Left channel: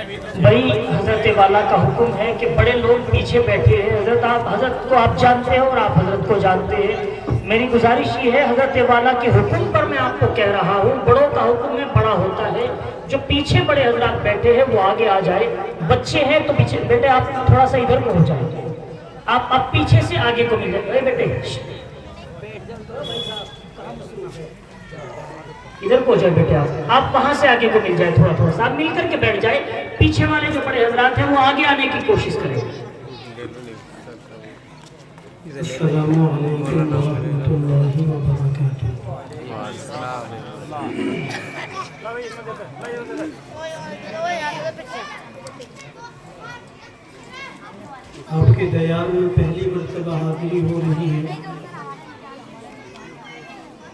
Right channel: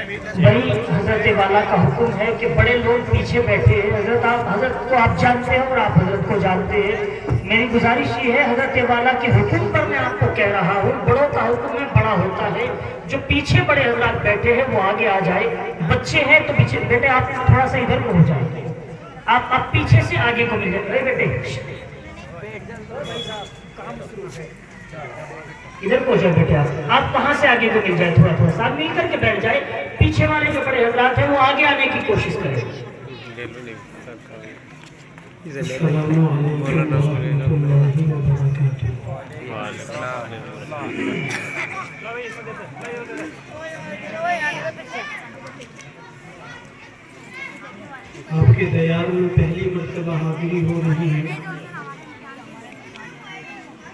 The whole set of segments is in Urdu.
بھائی حضرت والا کا حکم ہے کہ بڑے لوگ پیچھے بیٹھے ہیں، حضرت کو آپ جانتے ہیں اور آپ حضرت کو جانتے ہیں، میری گزارش یہ ہے حضرت والا کے حکم پر میں آپ کو کہہ رہا ہوں، بڑوں کا حکم میں بڑا ہوتا ہے، جو پیچھے بڑے حضرات بیٹھے ہیں وہ آگے آ جائے، بچے ہیں تو پیچھے، بیٹے آپ تھوڑا سا ادھر کو ہو جائیں، آپ پیچھے سے آگے کو مل جائے، بیٹے ادھر کو جائے، بیٹے آپ وہاں سے آگے کو مل جائے، تھوڑا سا آپ مل کر کے بیٹھ جائے، پیچھے والے جو بڑے حضرات ہیں وہ آگے آنے کی کوشش کریں۔ السلام علیکم ورحمۃ اللہ وبرکاتہ۔ آپ کے دیار میں پہلی مرتبہ حاضری ہو رہی ہے،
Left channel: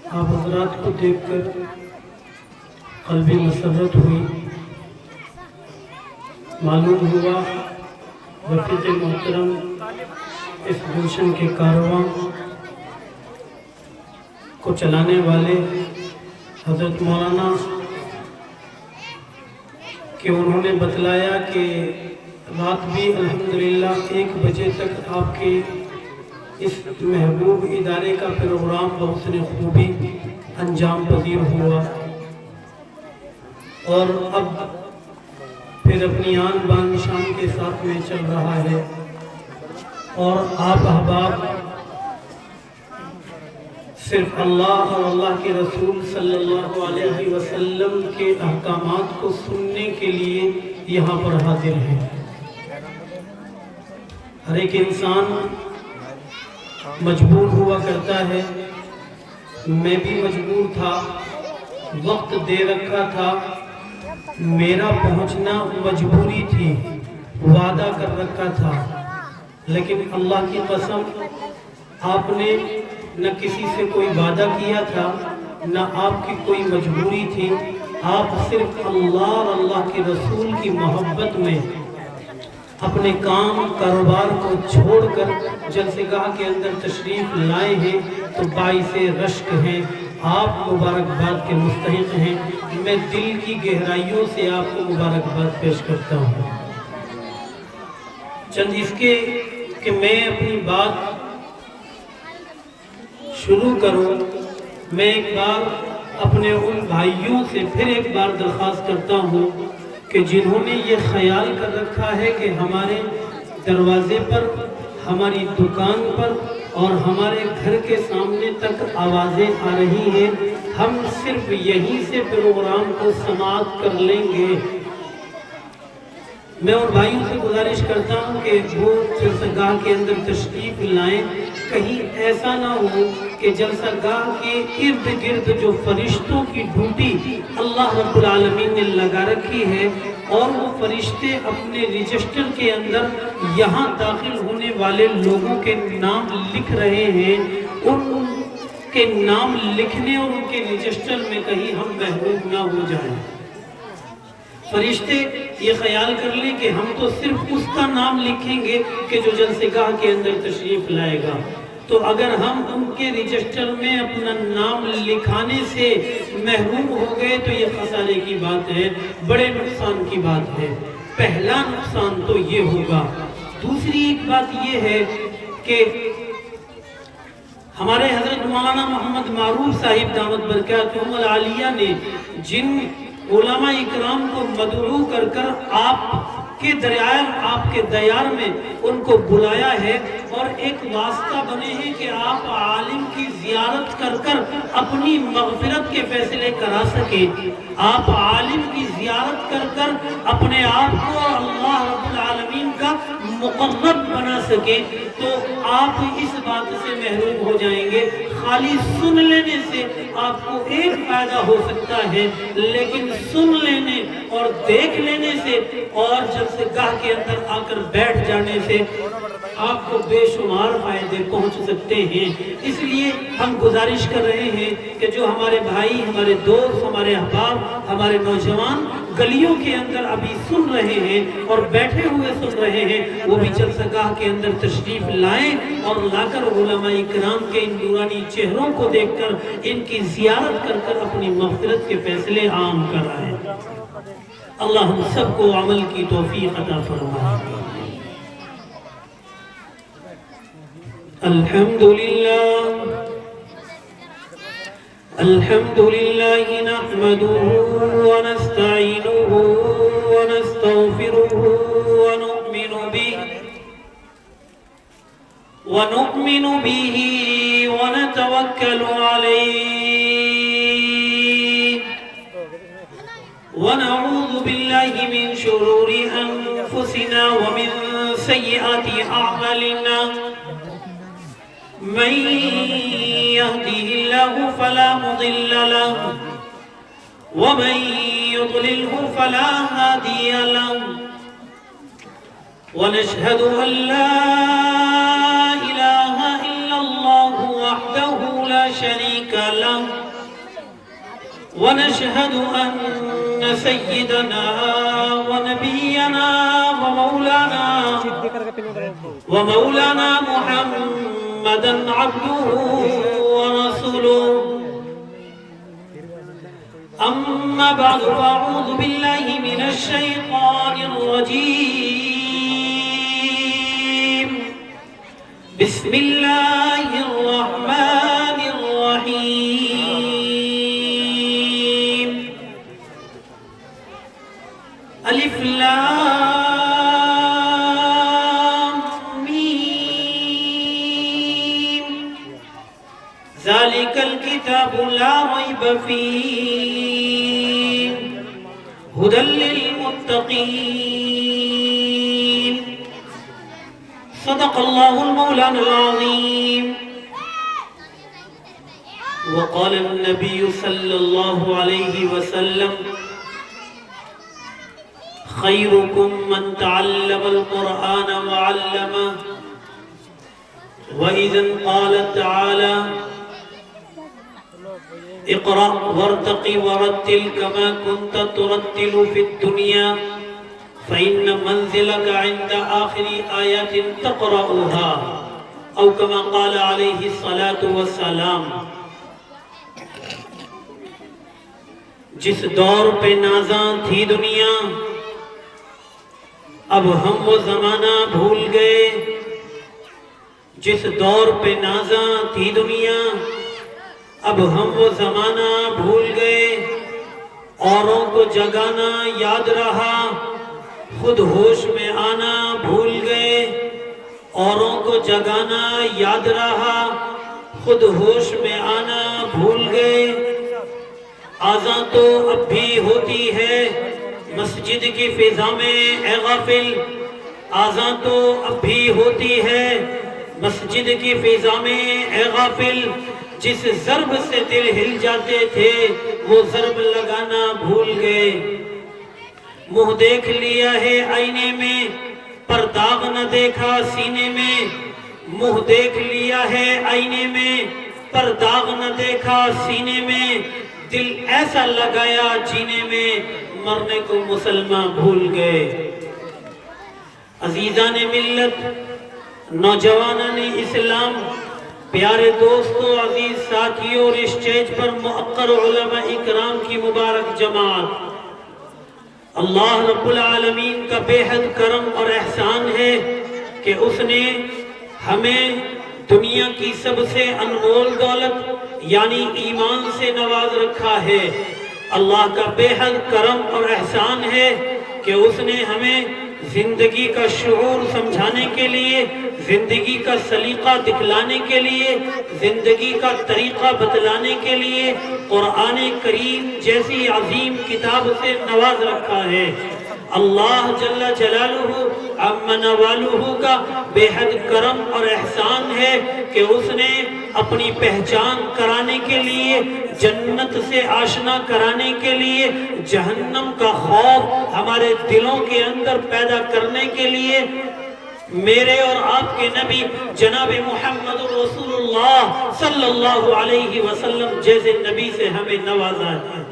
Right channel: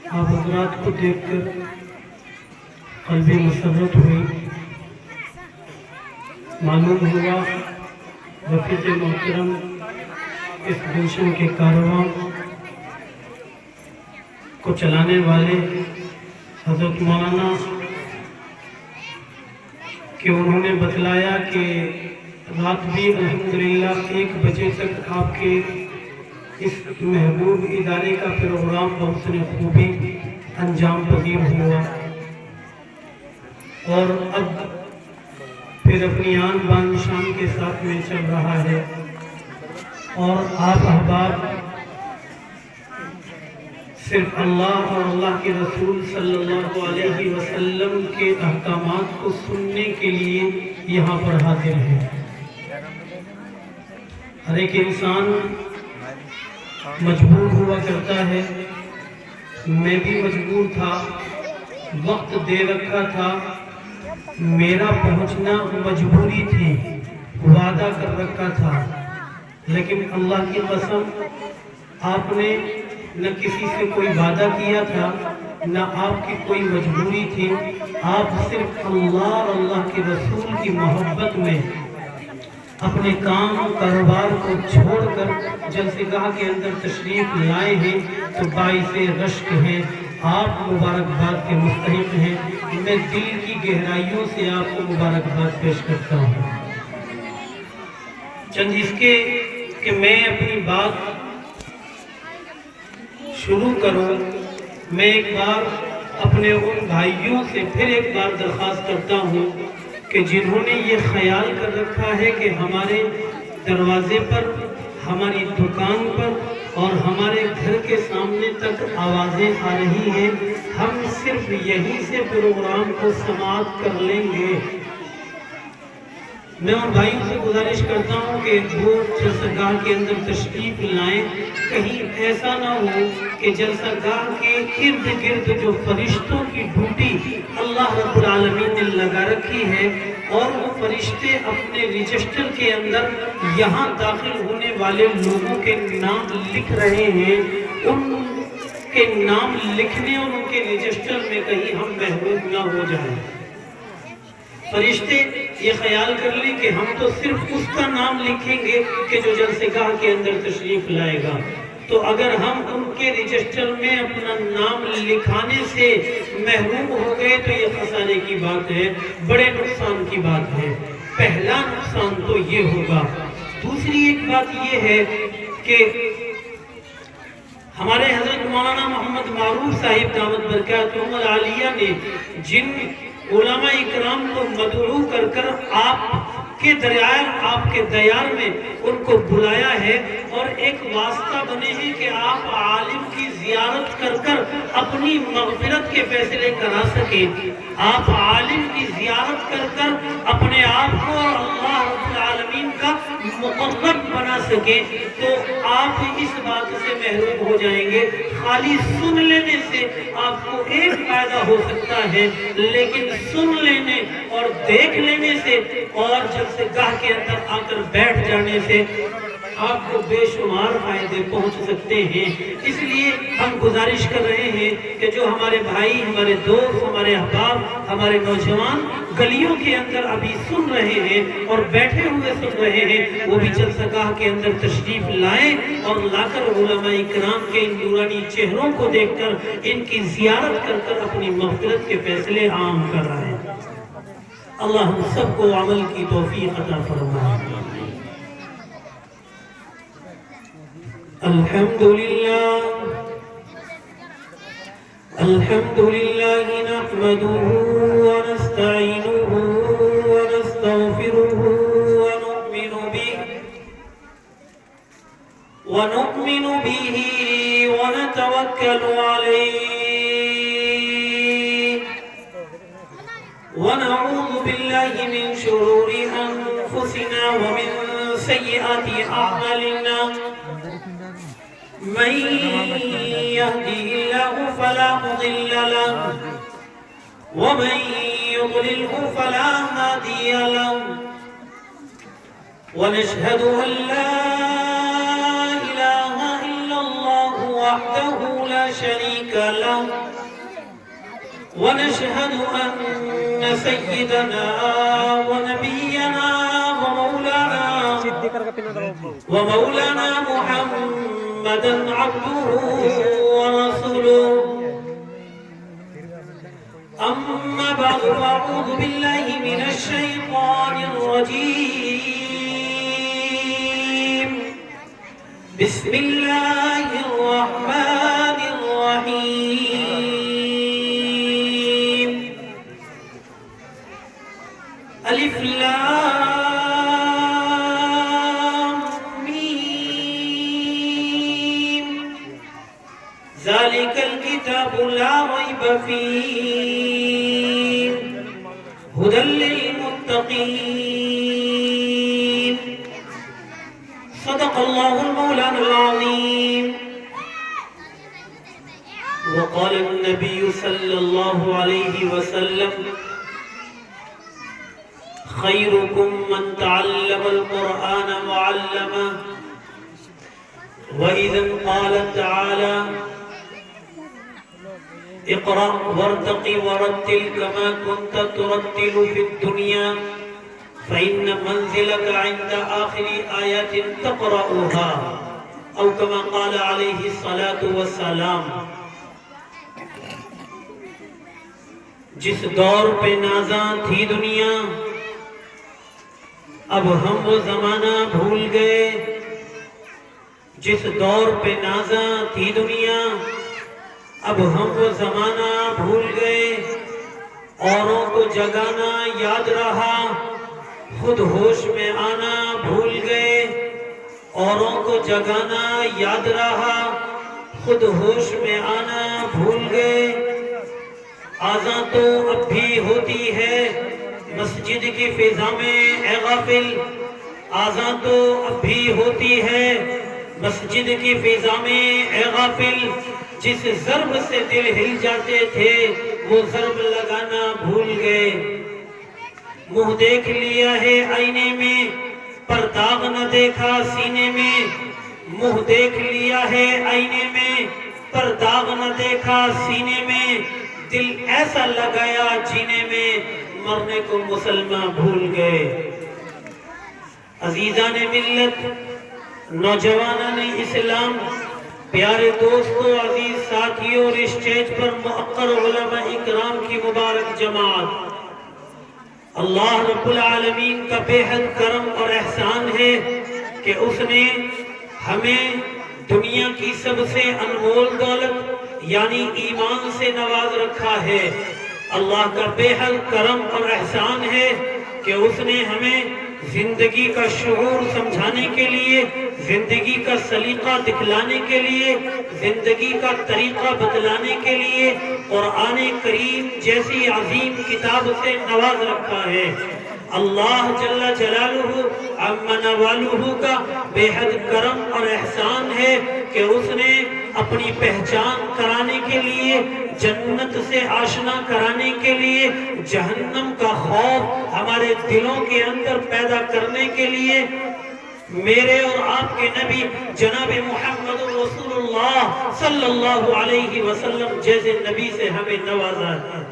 آپ حضرات کو دیکھ کر قلبی مسرت ہوئی، معلوم ہوا رفیق محترم اس گلشن کے کارواں کو چلانے والے حضرت مولانا کہ انہوں نے بتلایا کہ رات بھی الحمدللہ 1 بجے تک آپ کے اس محبوب ادارے کا پروگرام بہت نے خوبی انجام پذیر ہوا، اور اب پھر اپنی آن بان شان کے ساتھ میں چل رہا ہے، اور آپ احباب صرف اللہ اور اللہ کے رسول صلی اللہ علیہ وسلم کے احکامات کو سننے کے لیے یہاں پر حاضر ہیں۔ ہر ایک انسان مجبور ہوا کرتا ہے، میں بھی مجبور تھا، وقت دے رکھا تھا، میرا پہنچنا مجبوری تھی، وعدہ کر رکھا تھا، لیکن اللہ کی قسم آپ نے نہ کسی سے کوئی وعدہ کیا تھا، نہ آپ کی کوئی مجبوری تھی، آپ صرف اللہ اور اللہ کے رسول کی محبت میں اپنے کام کاروبار کو چھوڑ کر جلسہ گاہ کے اندر تشریف لائے ہیں، تو باعث رشک ہیں، آپ مبارکباد کے مستحق ہیں، میں دل کی گہرائیوں سے آپ کو مبارکباد پیش کرتا ہوں۔ چند اس کے کہ میں اپنی بات شروع کروں، میں ایک بار اپنے ان بھائیوں سے پھر ایک بار درخواست کرتا ہوں کہ جنہوں نے یہ خیال کر رکھا ہے کہ ہمارے دروازے پر، ہماری دکان پر اور ہمارے گھر کے سامنے تک آوازیں آ رہی ہیں، ہم صرف یہیں سے پروگرام کو سماعت کر لیں گے، میں ان بھائیوں سے گزارش کرتا ہوں کہ وہ جلسہ گاہ کے اندر تشریف لائیں، کہیں ایسا نہ ہو کہ جلسہ گاہ کے ارد گرد جو فرشتوں کی ڈیوٹی اللہ رب العالمین نے لگا رکھی ہے، اور وہ فرشتے اپنے رجسٹر کے اندر یہاں داخل ہونے والے لوگوں کے نام لکھ رہے ہیں، ان کے نام لکھنے اور ان کے رجسٹر میں کہیں ہم محروم نہ ہو جائیں۔ فرشتے یہ خیال کر لیں کہ ہم تو صرف اس کا نام لکھیں گے کہ جو جلسہ گاہ کے اندر تشریف لائے گا، تو اگر ہم ان کے رجسٹر میں اپنا نام لکھانے سے محروم ہو گئے تو یہ خسارے کی بات ہے، بڑے نقصان کی بات ہے۔ پہلا نقصان تو یہ ہوگا۔ دوسری ایک بات یہ ہے کہ ہمارے حضرت مولانا محمد معروف صاحب دامت برکاتہم العالیہ نے جن علماء اکرام کو مدعو کر کر آپ کے دیار میں ان کو بلایا ہے، اور ایک واسطہ بنے ہیں کہ آپ عالم کی زیارت کر کر اپنی مغفرت کے فیصلے کرا سکیں، آپ عالم کی زیارت کر کر اپنے آپ کو اللہ رب العالمین کا مقرب بنا سکیں، تو آپ اس بات سے محروم ہو جائیں گے۔ خالی سن لینے سے آپ کو ایک فائدہ ہو سکتا ہے، لیکن سن لینے اور دیکھ لینے سے اور جلسہ گاہ کے اندر آ کر بیٹھ جانے سے آپ کو بے شمار فائدے پہنچ سکتے ہیں۔ اس لیے ہم گزارش کر رہے ہیں کہ جو ہمارے بھائی، ہمارے دوست، ہمارے احباب، ہمارے نوجوان گلیوں کے اندر ابھی سن رہے ہیں اور بیٹھے ہوئے سن رہے ہیں، وہ بھی جلسہ گاہ کے اندر تشریف لائیں اور لا کر علماء اکرام کے ان نورانی چہروں کو دیکھ کر ان کی زیارت کر کر اپنی مغفرت کے فیصلے عام کر رہے ہیں۔ اللہ ہم سب کو عمل کی توفیق عطا فرمائے۔ الحمد لله نحمده ونستعينه ونستغفره ونؤمن به ونتوكل عليه ونعوذ بالله من شرور أنفسنا ومن سيئات أعمالنا من يهده الله فلا مضل له ومن يضلله فلا هادي له ونشهد أن لا إله إلا الله وحده لا شريك له ونشهد أن سيدنا ونبينا ومولانا محمدا عبده ورسوله أما بعد فأعوذ بالله من الشيطان الرجيم بسم الله الرحمن الرحيم ألف لام ميم ذلك الكتاب لا ريب فيه هدى للمتقين صدق الله المولانا العظيم وقال النبي صلى الله عليه وسلم خيركم من تعلم القرآن وعلمه وإذا قال تعالى اقرأ وارتق ورتل كما كنت ترتل في الدنيا فإن منزلك عند آخر آيات تقرأها أو كما قال عليه الصلاة والسلام۔ جس دور پہ نازاں تھی دنیا اب ہم وہ زمانہ بھول گئے، جس دور پہ نازاں تھی دنیا اب ہم وہ زمانہ بھول گئے، اوروں کو جگانا یاد رہا خود ہوش میں آنا بھول گئے، اوروں کو جگانا یاد رہا خود ہوش میں آنا بھول گئے۔ آذان تو اب بھی ہوتی ہے مسجد کی فضا میں اے غافل، آذان تو اب بھی ہوتی ہے مسجد کی فضا میں اے غافل، جس ضرب سے دل ہل جاتے تھے وہ ضرب لگانا بھول گئے۔ منہ دیکھ لیا ہے آئینے میں پر داغ نہ دیکھا سینے میں، منہ دیکھ لیا ہے آئینے میں پر داغ نہ دیکھا سینے میں، دل ایسا لگایا جینے میں مرنے کو مسلمان بھول گئے۔ عزیزان ملت، نوجوانان اسلام، پیارے دوستو، عزیز ساتھیوں اور اسٹیج پر مؤقر علماء اکرام کی مبارک جماعت، اللہ رب العالمین کا بے حد کرم اور احسان ہے کہ اس نے ہمیں دنیا کی سب سے انمول دولت یعنی ایمان سے نواز رکھا ہے۔ اللہ کا بے حد کرم اور احسان ہے کہ اس نے ہمیں زندگی کا شعور سمجھانے کے لیے، زندگی کا سلیقہ دکھلانے کے لیے، زندگی کا طریقہ بتلانے کے لیے قرآن کریم جیسی عظیم کتاب سے نواز رکھا ہے۔ اللہ جل جلالہ عم نوالہ کا بے حد کرم اور احسان ہے کہ اس نے اپنی پہچان کرانے کے لیے، جنت سے آشنا کرانے کے لیے، جہنم کا خوف ہمارے دلوں کے اندر پیدا کرنے کے لیے میرے اور آپ کے نبی جناب محمد رسول اللہ صلی اللہ علیہ وسلم جیسے نبی سے ہمیں نوازا ہے۔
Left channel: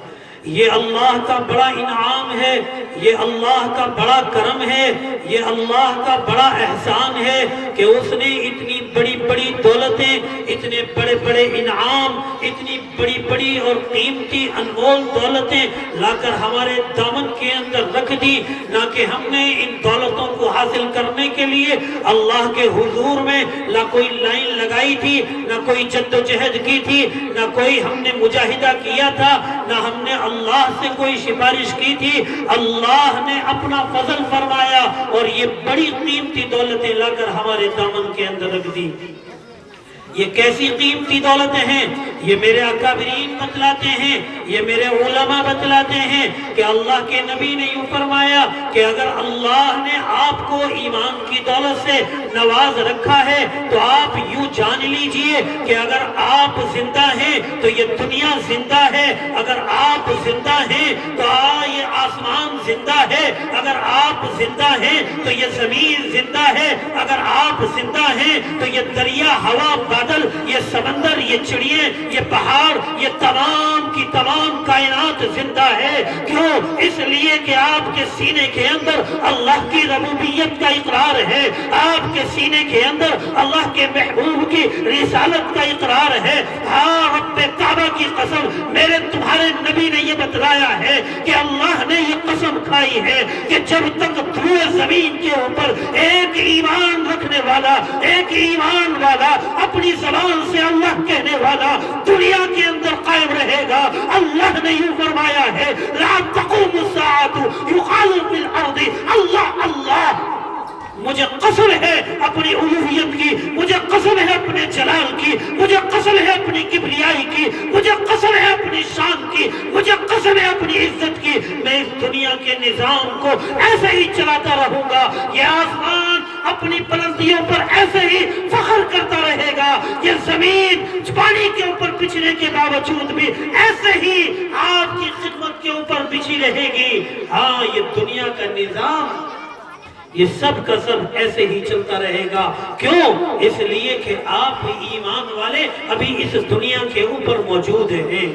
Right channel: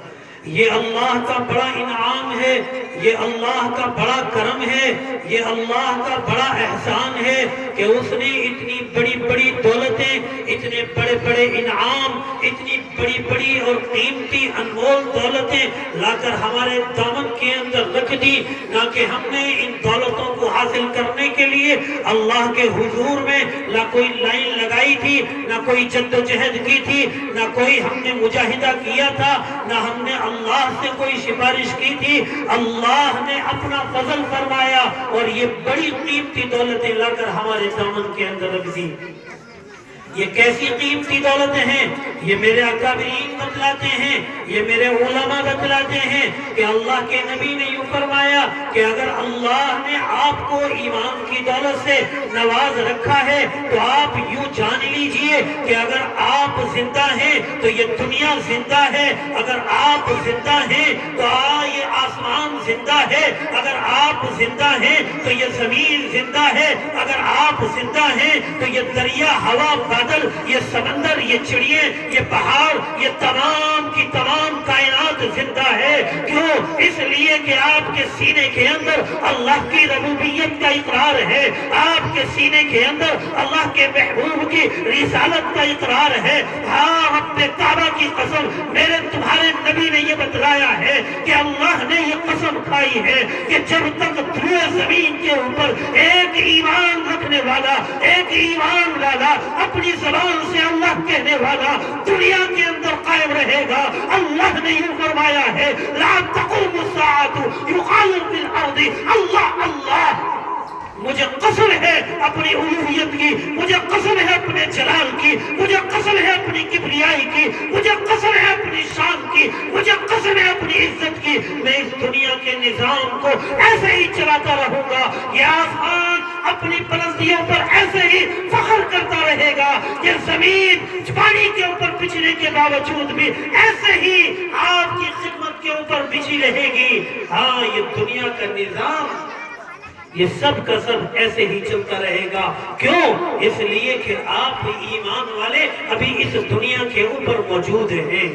یہ اللہ کا بڑا انعام ہے، یہ اللہ کا بڑا کرم ہے، یہ اللہ کا بڑا احسان ہے کہ اس نے اتنی بڑی بڑی بڑی دولتیں، اتنے بڑے بڑے انعام، اتنی بڑی بڑی اور قیمتی انمول دولتیں لا کر ہمارے دامن کے اندر رکھ دی، نہ کہ ہم نے ان دولتوں کو حاصل کرنے کے لیے اللہ کے حضور میں نہ کوئی لائن لگائی تھی، نہ کوئی جد و جہد کی تھی، نہ کوئی ہم نے مجاہدہ کیا تھا، نہ ہم نے اللہ سے کوئی سفارش کی تھی۔ اللہ نے اپنا فضل فرمایا اور یہ بڑی قیمتی دولتیں لا کر ہمارے دامن کے اندر رکھ دی۔ یہ کیسی قیمتی دولتیں ہیں؟ یہ میرے اکابرین بتلاتے ہیں، یہ میرے علماء بتلاتے ہیں کہ اللہ کے نبی نے یوں فرمایا کہ اگر اللہ نے آپ کو ایمان کی دولت سے نواز رکھا ہے تو آپ یوں جان لیجئے کہ اگر آپ زندہ ہیں تو یہ دنیا زندہ ہے، اگر آپ زندہ ہیں تو یہ آسمان زندہ ہے، اگر آپ زندہ ہیں تو یہ زمین زندہ ہے، اگر آپ زندہ ہیں تو یہ دریا، ہوا، بادل، یہ سمندر، یہ چڑیے، یہ پہاڑ، یہ تمام کی تمام کائنات زندہ ہے۔ کیوں؟ اس لیے کہ آپ کے سینے کے اندر اللہ کی ربوبیت کا اقرار ہے، آپ کے سینے کے اندر اللہ کے محبوب کی رسالت کا اقرار ہے۔ ہاں، رب کعبہ کی قسم، میرے تمہارے نبی نے یہ بتلایا ہے کہ اللہ نے یہ قسم کھائی ہے کہ جب تک دھوئے زمین کے اوپر ایک ایمان رکھنے والا، ایک ایمان والا، اپنی زبان سے اللہ کہنے والا دنیا کے اندر قائم رہے گا، اللہ نے یوں فرمایا ہے لا تقوم الساعة يقال في الارض اللہ اللہ۔ مجھے قسم ہے اپنی الوہیت کی، مجھے قسم ہے اپنے جلال کی، مجھے قسم ہے اپنی کبریائی کی، مجھے قسم ہے اپنی شان کی، مجھے قسم ہے اپنی عزت کی، میں اس دنیا کے نظام کو ایسے ہی چلاتا رہوں گا۔ یہ آسمان اپنی بلندیوں پر ایسے ہی فخر کرتا رہے گا، یہ زمین پانی کے اوپر بچھنے کے باوجود بھی ایسے ہی آپ کی خدمت کے اوپر بچھی رہے گی۔ ہاں، یہ دنیا کا نظام، یہ سب کا سب ایسے ہی چلتا رہے گا۔ کیوں؟ اس لیے کہ آپ ایمان والے ابھی اس دنیا کے اوپر موجود ہیں۔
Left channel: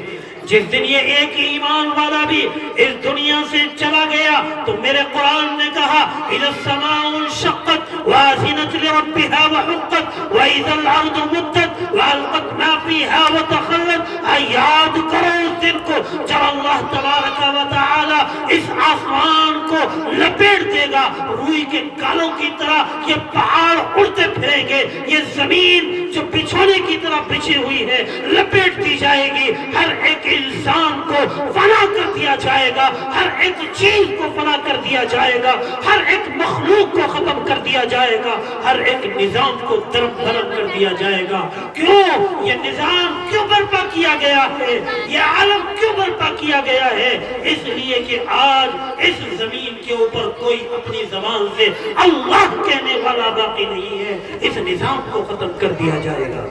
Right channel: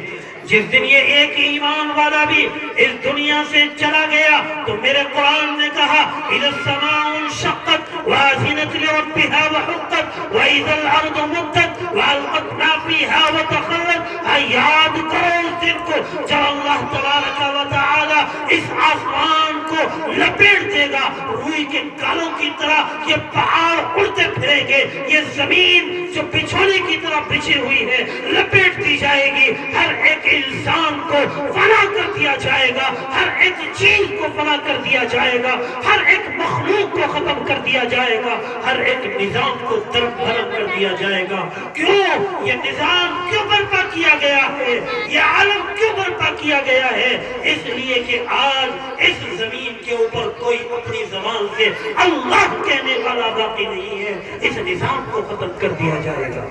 جس دن یہ ایک ایمان والا بھی اس دنیا سے چلا گیا تو میرے قرآن نے کہا اِذَا السَّمَاءُ انشَقَّتْ وَأَذِنَتْ لِرَبِّهَا وَحُقَّتْ وَإِذَا الْأَرْضُ مُدَّتْ وَأَلْقَتْ مَا فِيهَا وَتَخَلَّتْ۔ یاد کرو اس دن کو جب اللہ تبارک و تعالی اس آسمان کو لپیٹ دے گا، روئی کے گالوں کی طرح یہ پہاڑ اڑتے پھریں گے، یہ زمین جو بچھونے کی طرح بچھی ہوئی ہے لپیٹ دی جائے گی، ہر ایک انسان کو فنا کر دیا جائے گا، ہر ایک چیز کو فنا کر دیا جائے گا، ہر ایک مخلوق کو ختم کر دیا جائے گا، ہر ایک نظام کو درب درب کر دیا جائے گا۔ کیوں؟ یہ نظام کیوں برپا کیا گیا ہے؟ یہ عالم کیوں برپا کیا گیا ہے؟ اس لیے کہ آج اس زمین کے اوپر کوئی اپنی زبان سے اللہ کہنے والا باقی نہیں ہے، اس نظام کو ختم کر دیا جائے گا۔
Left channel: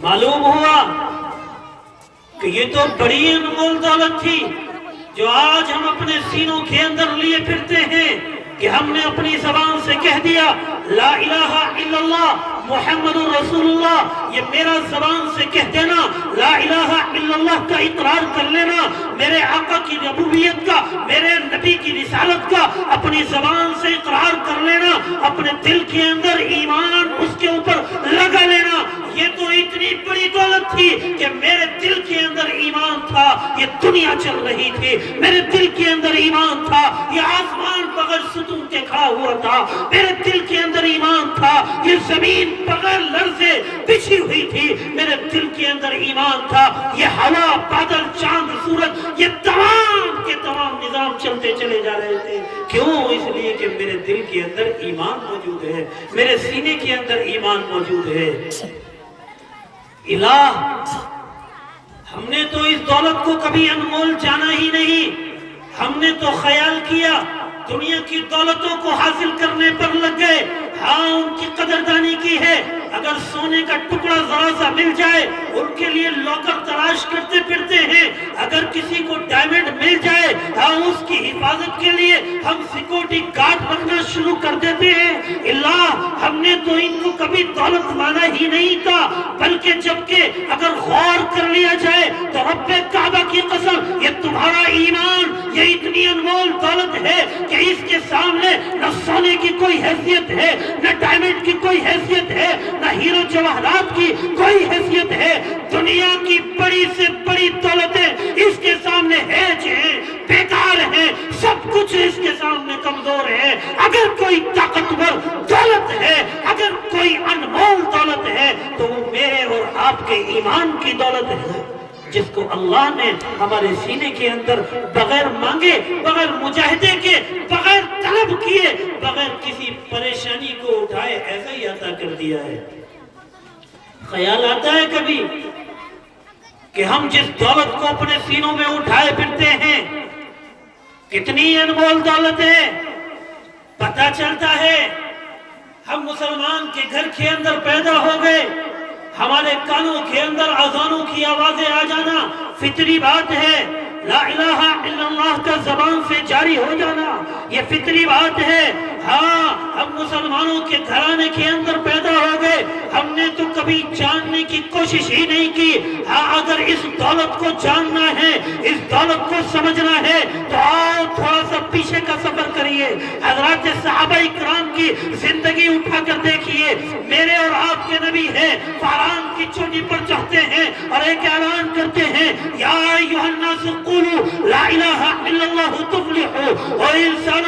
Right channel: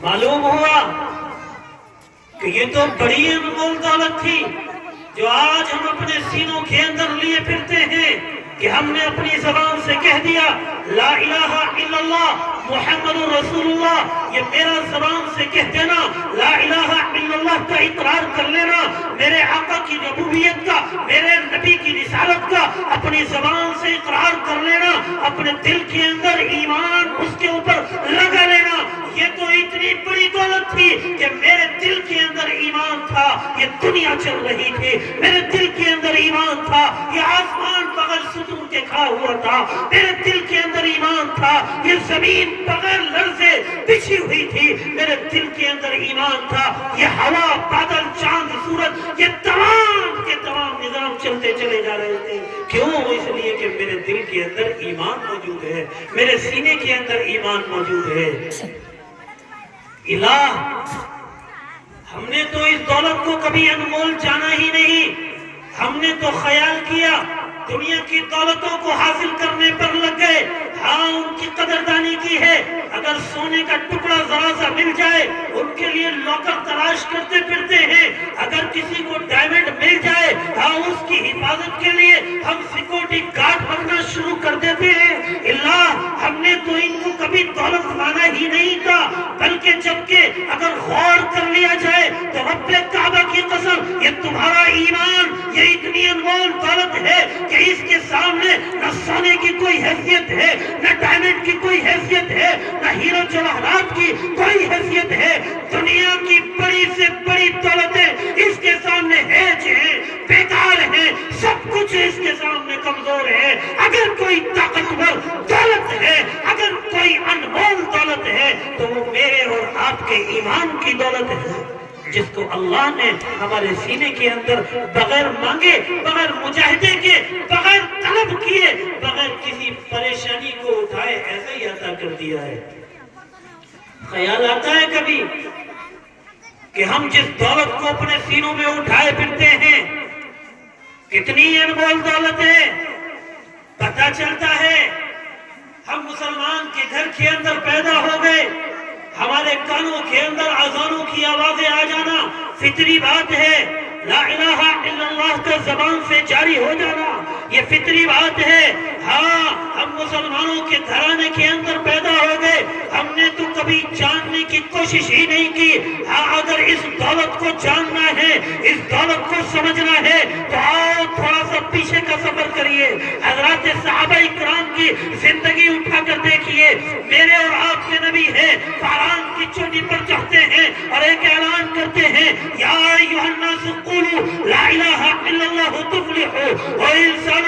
معلوم ہوا کہ یہ تو بڑی انمول دولت تھی جو آج ہم اپنے سینوں کے اندر لیے پھرتے ہیں کہ ہم نے اپنی زبان سے کہہ دیا لا الہ الا اللہ محمد رسول اللہ، یہ میرا زبان سے کہہ دینا، لا الہ الا اللہ کا اقرار کر لینا، میرے آقا کی ربوبیت کا، میرے نبی کی رسالت کا اپنی زبان سے اقرار کر لینا، اپنے دل کے اندر ایمان اس کے اوپر لگا لینا۔ یہ تو اتنی بڑی دولت تھی کہ میرے دل کے اندر ایمان تھا، یہ دنیا چل رہی تھی، میرے دل کے اندر ایمان تھا، یہ آسمان بغیر ستون کے کھڑا ہوا تھا، میرے دل کے اندر ایمان تھا، یہ زمین بغیر لرزے بچھی ہوئی تھی، میرے دل کے اندر ایمان تھا، یہ ہوا، بادل، چاند، سورج، یہ تمام کے تمام نظام چلتے چلے جا رہے تھے۔ کیوں؟ اس لیے کہ میرے دل کے اندر ایمان موجود ہے، میرے سینے کے اندر ایمان موجود ہے۔ الہ، ہم نے تو اس دولت کو کبھی انمول جانا ہی نہیں، ہم نے تو خیال کیا دنیا کی دولتوں کو حاصل کرنے پر لگ گئے، ہاں ان کی قدردانی کی ہے، اگر سونے کا ٹکڑا ذرا سا مل جائے ان کے لیے لاکر تلاش کرتے پھرتے ہیں، اگر کسی کو ڈائمنڈ مل جائے ہاں اس کی حفاظت کے لیے ہم سیکورٹی گارڈ رکھنا شروع کر دیتے ہیں۔ اللہ، ہم نے تو ان کو کبھی دولت مانا ہی نہیں تھا، بلکہ جبکہ اگر غور کر لیا جائے تو رب کعبہ کی قسم یہ تمہارا ایمان یہ اتنی انمول دولت ہے کہ اس کے سامنے نہ سونے کی کوئی حیثیت ہے، نہ ڈائمنڈ کی کوئی حیثیت ہے، نہ نہ ہیرو جواہرات کی کوئی حیثیت ہے. دنیا کی بڑی سے بڑی دولتیں اس کے سامنے ہیج ہیں، بیکار ہیں، سب کچھ اس کے سامنے کمزور ہے. اگر کوئی طاقتور دولت ہے، اگر کوئی انمول دولت ہے تو وہ میرے اور آپ کے ایمان کی دولت ہے، جس کو اللہ نے ہمارے سینے کے اندر بغیر مانگے، بغیر مجاہدے کے، بغیر طلب کیے، بغیر کسی پریشانی کو اٹھائے ایسا ہی عطا کر دیا ہے. خیال آتا ہے کبھی کہ ہم جس دولت کو اپنے سینوں میں اٹھائے پھرتے ہیں کتنی انمول دولت ہے؟ پتہ چلتا ہے ہم مسلمان کے گھر کے اندر پیدا ہو گئے، ہمارے کانوں کے اندر اذانوں کی آوازیں آ جانا فطری بات ہے. لا الہ الا اللہ کا زبان سے جاری ہو جانا یہ فطری بات ہے. ہاں، ہم مسلمانوں کے گھرانے کے اندر پیدا ہو گئے، ہم نے تو کبھی جاننے کی کوشش ہی نہیں کی. ہاں، اگر اس دولت کو جاننا ہے، اس دولت کو سمجھنا ہے تو آؤ تھوڑا سا پیچھے کا سفر کریے. حضرات صحابہ اکرام کی زندگی اٹھا کر دیکھیے. میرے اور آپ کے نبی ہیں، فاران کی چوٹی پر چڑھتے ہیں اور ایک اعلان کرتے ہیں، یا ایھا الناس قولوا لا الہ الا اللہ تفلحوا. اور انسانوں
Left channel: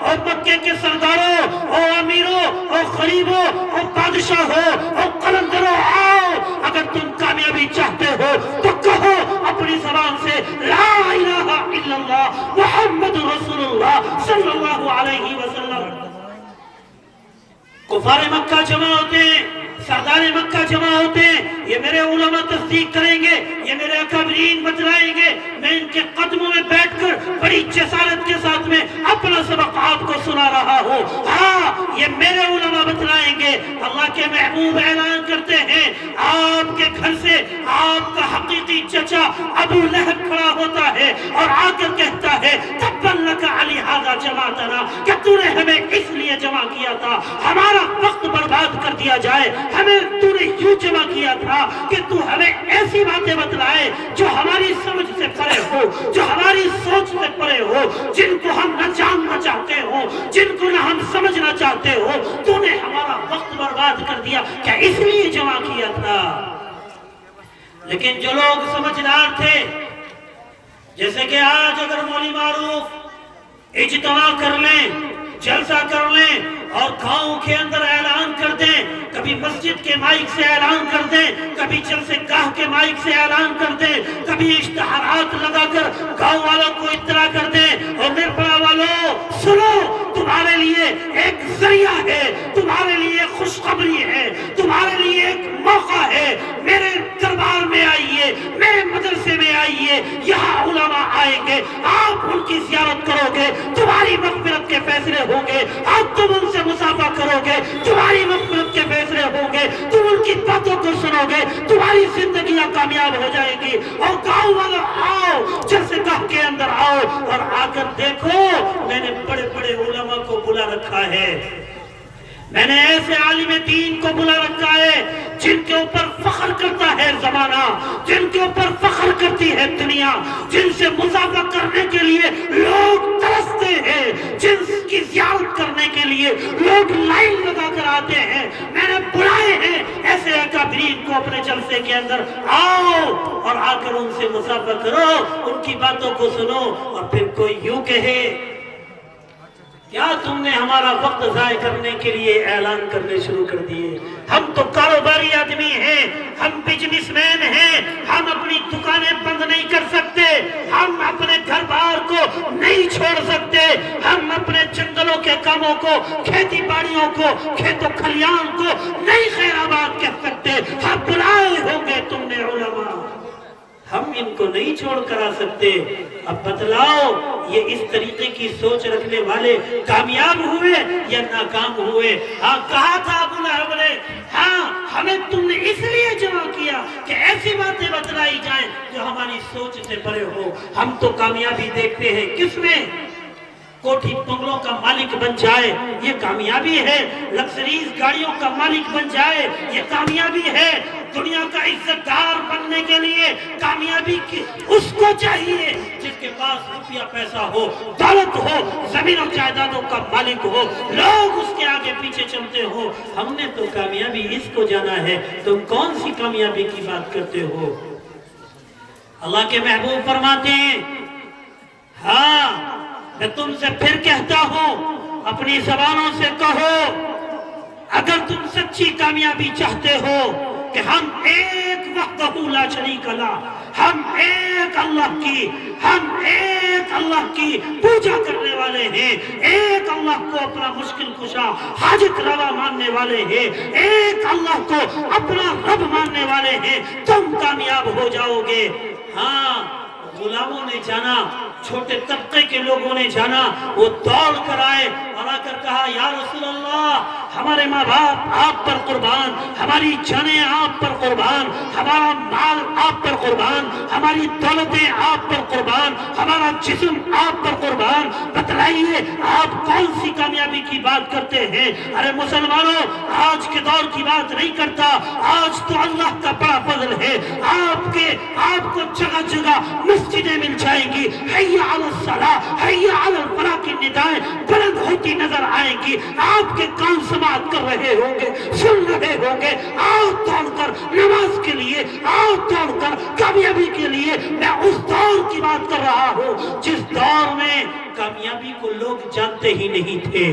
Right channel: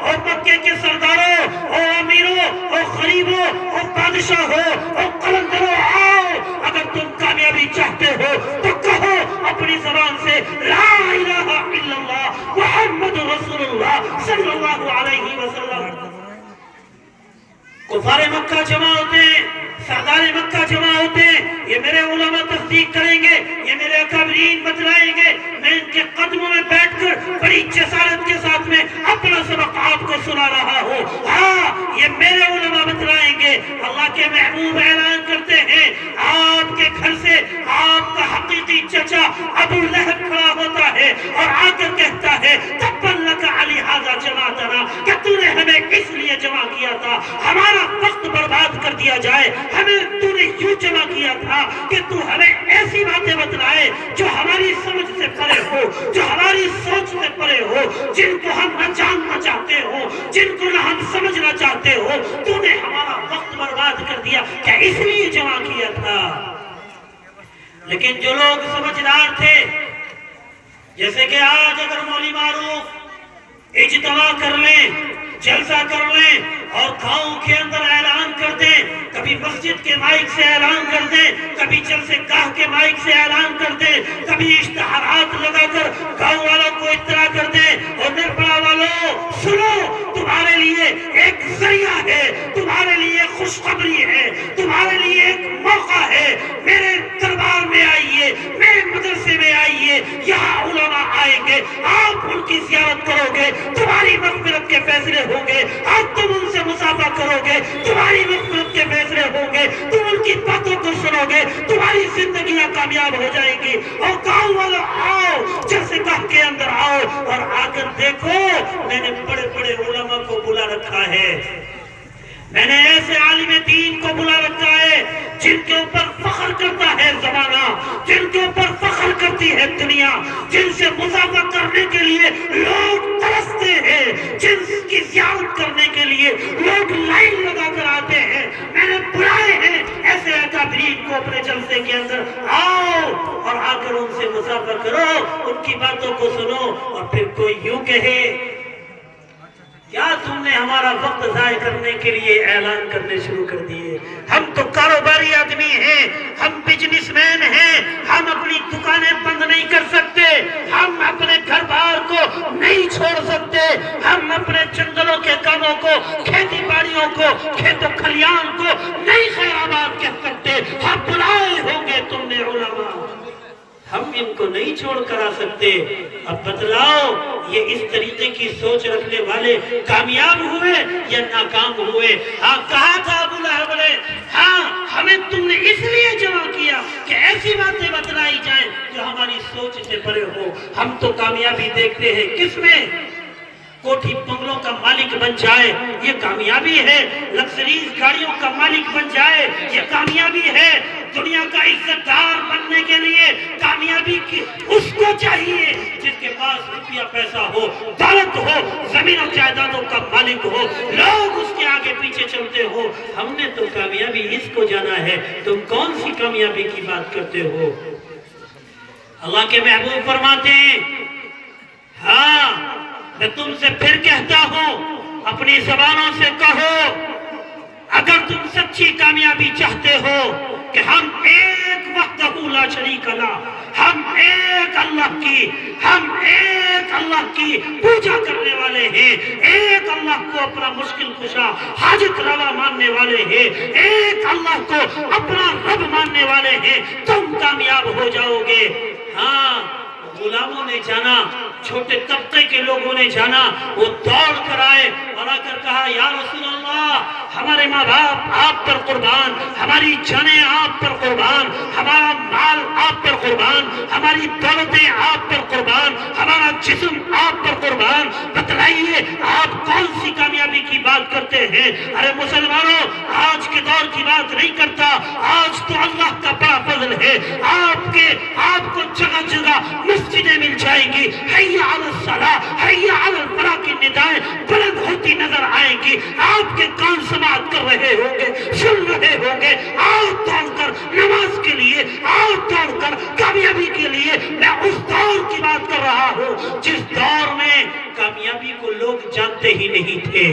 اور مکے کے سرداروں اور امیروں اور غریبوں اور بادشاہوں اور قلندروں، آؤ اگر تم کامیابی چاہتے ہو تو کہو اپنی زبان سے لا الہ الا اللہ محمد رسول اللہ صلی اللہ علیہ وسلم. کفار مکہ جمع ہوتے ہیں، سردار مکہ جمع ہوتے ہیں. یہ میرے علماء تصدیق کریں گے، یہ میرے اکابرین بتلائیں گے. میں ان کے قدموں میں بیٹھ کر بڑی جسارت کے ساتھ میں اپنا سبق آپ کو سنا رہا ہوں. ہاں، یہ میرے علماء بتلائیں گے. اللہ کے محبوب اعلان کرتے ہیں، آپ کے گھر سے آپ کا حقیقی چچا ابو لہب کھڑا ہوتا ہے اور آ کر کہتا ہے، تبن لک علی ھذا جمعتنا، کہ تو نے ہمیں اس لیے جمع کیا تھا ہمارا وقت برباد کر دیا جائے. ہمیں تو نے یوں جمع کیا تھا کہ تو ہمیں ایسی باتیں بتلائے جو ہماری سمجھ سے پرے ہو، جو ہماری سوچ سے پرے ہو، جن کو ہم نہ جاننا چاہتے ہو، جن کو نہ ہم سمجھنا چاہتے ہو. تو نے ہمارا وقت برباد کر دیا، کیا اس لیے جمع کیا تھا؟ لیکن جو لوگ سمجھدار تھے، جیسے کہ آج اگر مولوی معروف اجتماع کر لیں، جلسہ کر لیں اور گاؤں کے اندر اعلان کر دیں، کبھی مسجد کے مائک سے اعلان کر دیں، کبھی جلسے گاہ کے مائک سے اعلان کر دیں، کبھی اشتہارات لگا کر گاؤں والوں کو اطلاع کر دیں، اور نرپڑا والوں سنو، تمہارے لیے ایک ذریعہ ہے، تمہارے لیے خوشخبری ہے، تمہارے لیے ایک موقع ہے. میرے دربار میں آئیے، میرے مدرسے میں آئیے، یہاں علماء آئیں گے، آپ ان کی زیارت کرو گے، تمہاری مغفرت کے فیصلے ہوں گے. آپ تم ان سے مصافحہ کرو گے، تمہاری مغفرت کے فیصلے ہوں گے. تم ان کی باتوں کو سنو گے، تمہاری زندگیاں کامیاب ہو جائیں گی. اور گاؤں والوں آؤ، جلسے گاہ کے اندر آؤ اور آ کر دیکھو، میں نے بڑے بڑے علماء کو بلا رکھا ہے، میں نے ایسے عالم دین کو بلا رکھا ہے جن کے اوپر فخر کرتا ہے زمانہ، جن کے اوپر فخر کرتی ہے دنیا، جن سے مصافحہ کرنے کے لیے لوگ ترستے ہیں، جن کی زیارت کرنے کے لیے لوگ لائن لگا کر آتے ہیں. میں نے بلائے ہیں ایسے اکابرین کو اپنے جلسے کے اندر، آؤ اور آ کر ان سے مصافحہ کرو، ان کی باتوں کو سنو. اور پھر کوئی یوں کہے، کیا تم نے ہمارا وقت ضائع کرنے کے لیے اعلان کرنے شروع کر دیے؟ ہم تو کاروباری آدمی ہیں، ہم بزنس مین ہیں، ہم اپنی دکانیں بند نہیں کر سکتے، ہم اپنے گھر بار کو نہیں چھوڑ سکتے، ہم اپنے جنگلوں کے کاموں کو، کھیتی باڑیوں کو، کھیت و کھلیان کو نہیں خیرآباد کہہ سکتے. ہم بلائے ہوں گے تم نے علماء، ہم ان کو نہیں چھوڑ کر آ سکتے. اب بتلاؤ، یہ اس طریقے کی سوچ رکھنے والے کامیاب ہوئے یا ناکام ہوئے؟ ہاں، کہا تھا ابو لہب نے، ہاں ہمیں تم نے اس لیے جمع کیا کہ ایسی باتیں بتلائی جائیں جو ہماری سوچ سے پرے ہو. ہم تو کامیابی دیکھتے ہیں کس میں؟ کوٹھی بنگلوں کا مالک بن جائے، یہ کامیابی ہے. لگژریز گاڑیوں کا مالک بن جائے، یہ کامیابی ہے. دنیا کا عزت دار بننے کے لیے کامیابی کی اس کو چاہیے جس کے پاس روپیہ پیسہ ہو، دولت ہو، زمین و جائیدادوں کا مالک ہو، لوگ اس کے آگے پیچھے چلتے ہو۔ ہم نے تو کامیابی اس کو جانا ہے، تم کون سی کامیابی کی بات کرتے ہو؟ اللہ کے محبوب فرماتے ہیں، ہاں میں تم سے پھر کہتا ہوں، اپنی زبانوں سے کہو، اگر تم سچی کامیابی چاہتے ہو کہ ہم ایک وحدہ لا شریک لہ، ہم ایک اللہ کی پوجا کرنے والے ہیں، ایک اللہ کو اپنا مشکل کشا حاجت روا ماننے والے ہیں، ایک اللہ کو اپنا رب ماننے والے ہیں، تم کامیاب ہو جاؤ گے۔ ہاں غلاموں نے جانا، چھوٹے طبقے کے لوگوں نے جانا، وہ دوڑ کر آئے اور آ کر کہا، یا رسول اللہ، ہمارے ماں باپ آپ پر قربان، ہماری جانیں آپ پر قربان، ہمارا مال آپ پر قربان، ہماری دولتیں آپ پر قربان، ہمارا جسم آپ پر قربان، بتلائیے آپ کون سی کامیابی کی بات کرتے ہیں؟ ارے مسلمانوں، آج کے دور کی بات نہیں کرتا، آج تو اللہ کا بڑا فضل ہے، آپ کو جگہ جگہ مسجدیں مل جائیں گی، حی علی الصلاۃ، حی علی الفلاح کی ندائیں بلند ہوتی نظر آئیں گی، آپ کے کان سماعت کر رہے ہوں گے، سن رہے ہوں گے، آؤ دوڑ کر نماز کے لیے، آؤ دوڑ کر کامیابی کے لیے۔ میں اس دور کی بات کر رہا ہوں جس دور میں کامیابی کو لوگ جانتے ہی نہیں تھے،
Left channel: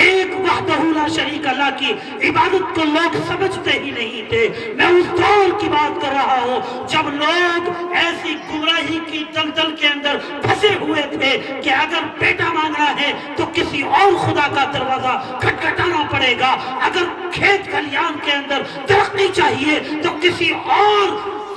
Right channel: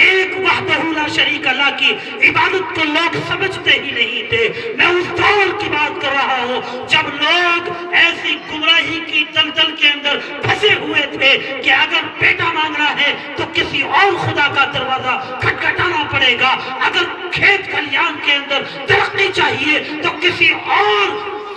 ایک وحدہ لا شریک اللہ کی عبادت کو لوگ سمجھتے ہی نہیں تھے۔ میں اس دور کی بات کر رہا ہوں جب لوگ ایسی گمراہی کی دلدل کے اندر پھنسے ہوئے تھے کہ اگر بیٹا مانگنا ہے تو کسی اور خدا کا دروازہ کھٹکھٹانا پڑے گا، اگر کھیت کھلیان کے اندر ترقی چاہیے تو کسی اور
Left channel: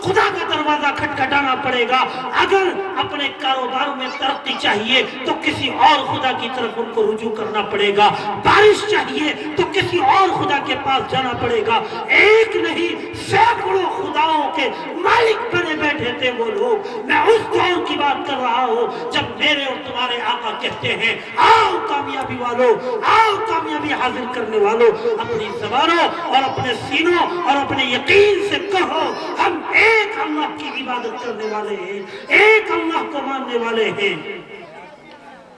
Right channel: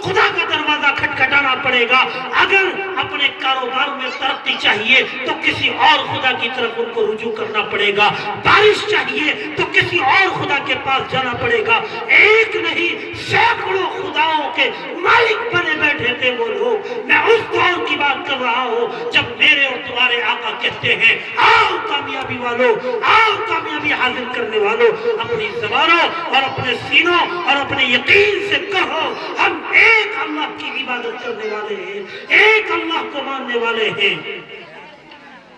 خدا کا دروازہ کھٹکھٹانا پڑے گا، اگر اپنے کاروبار میں ترقی چاہیے تو کسی اور خدا کی طرف ان کو رجوع کرنا پڑے گا، بارش چاہیے تو کسی اور خدا کے پاس جانا پڑے گا۔ ایک نہیں سینکڑوں خداؤں کے مالک بنے بیٹھے تھے وہ لوگ۔ میں اس دور کی بات کر رہا ہوں جب میرے اور تمہارے آقا کہتے ہیں، آؤ کامیابی والوں، آؤ کامیابی حاصل کرنے والوں، اپنی زبانوں اور اپنے سینوں اور اپنے یقین سے کہو، ہم ایک اللہ کی عبادت کرنے والے ہیں، ایک اللہ کو ماننے والے ہیں۔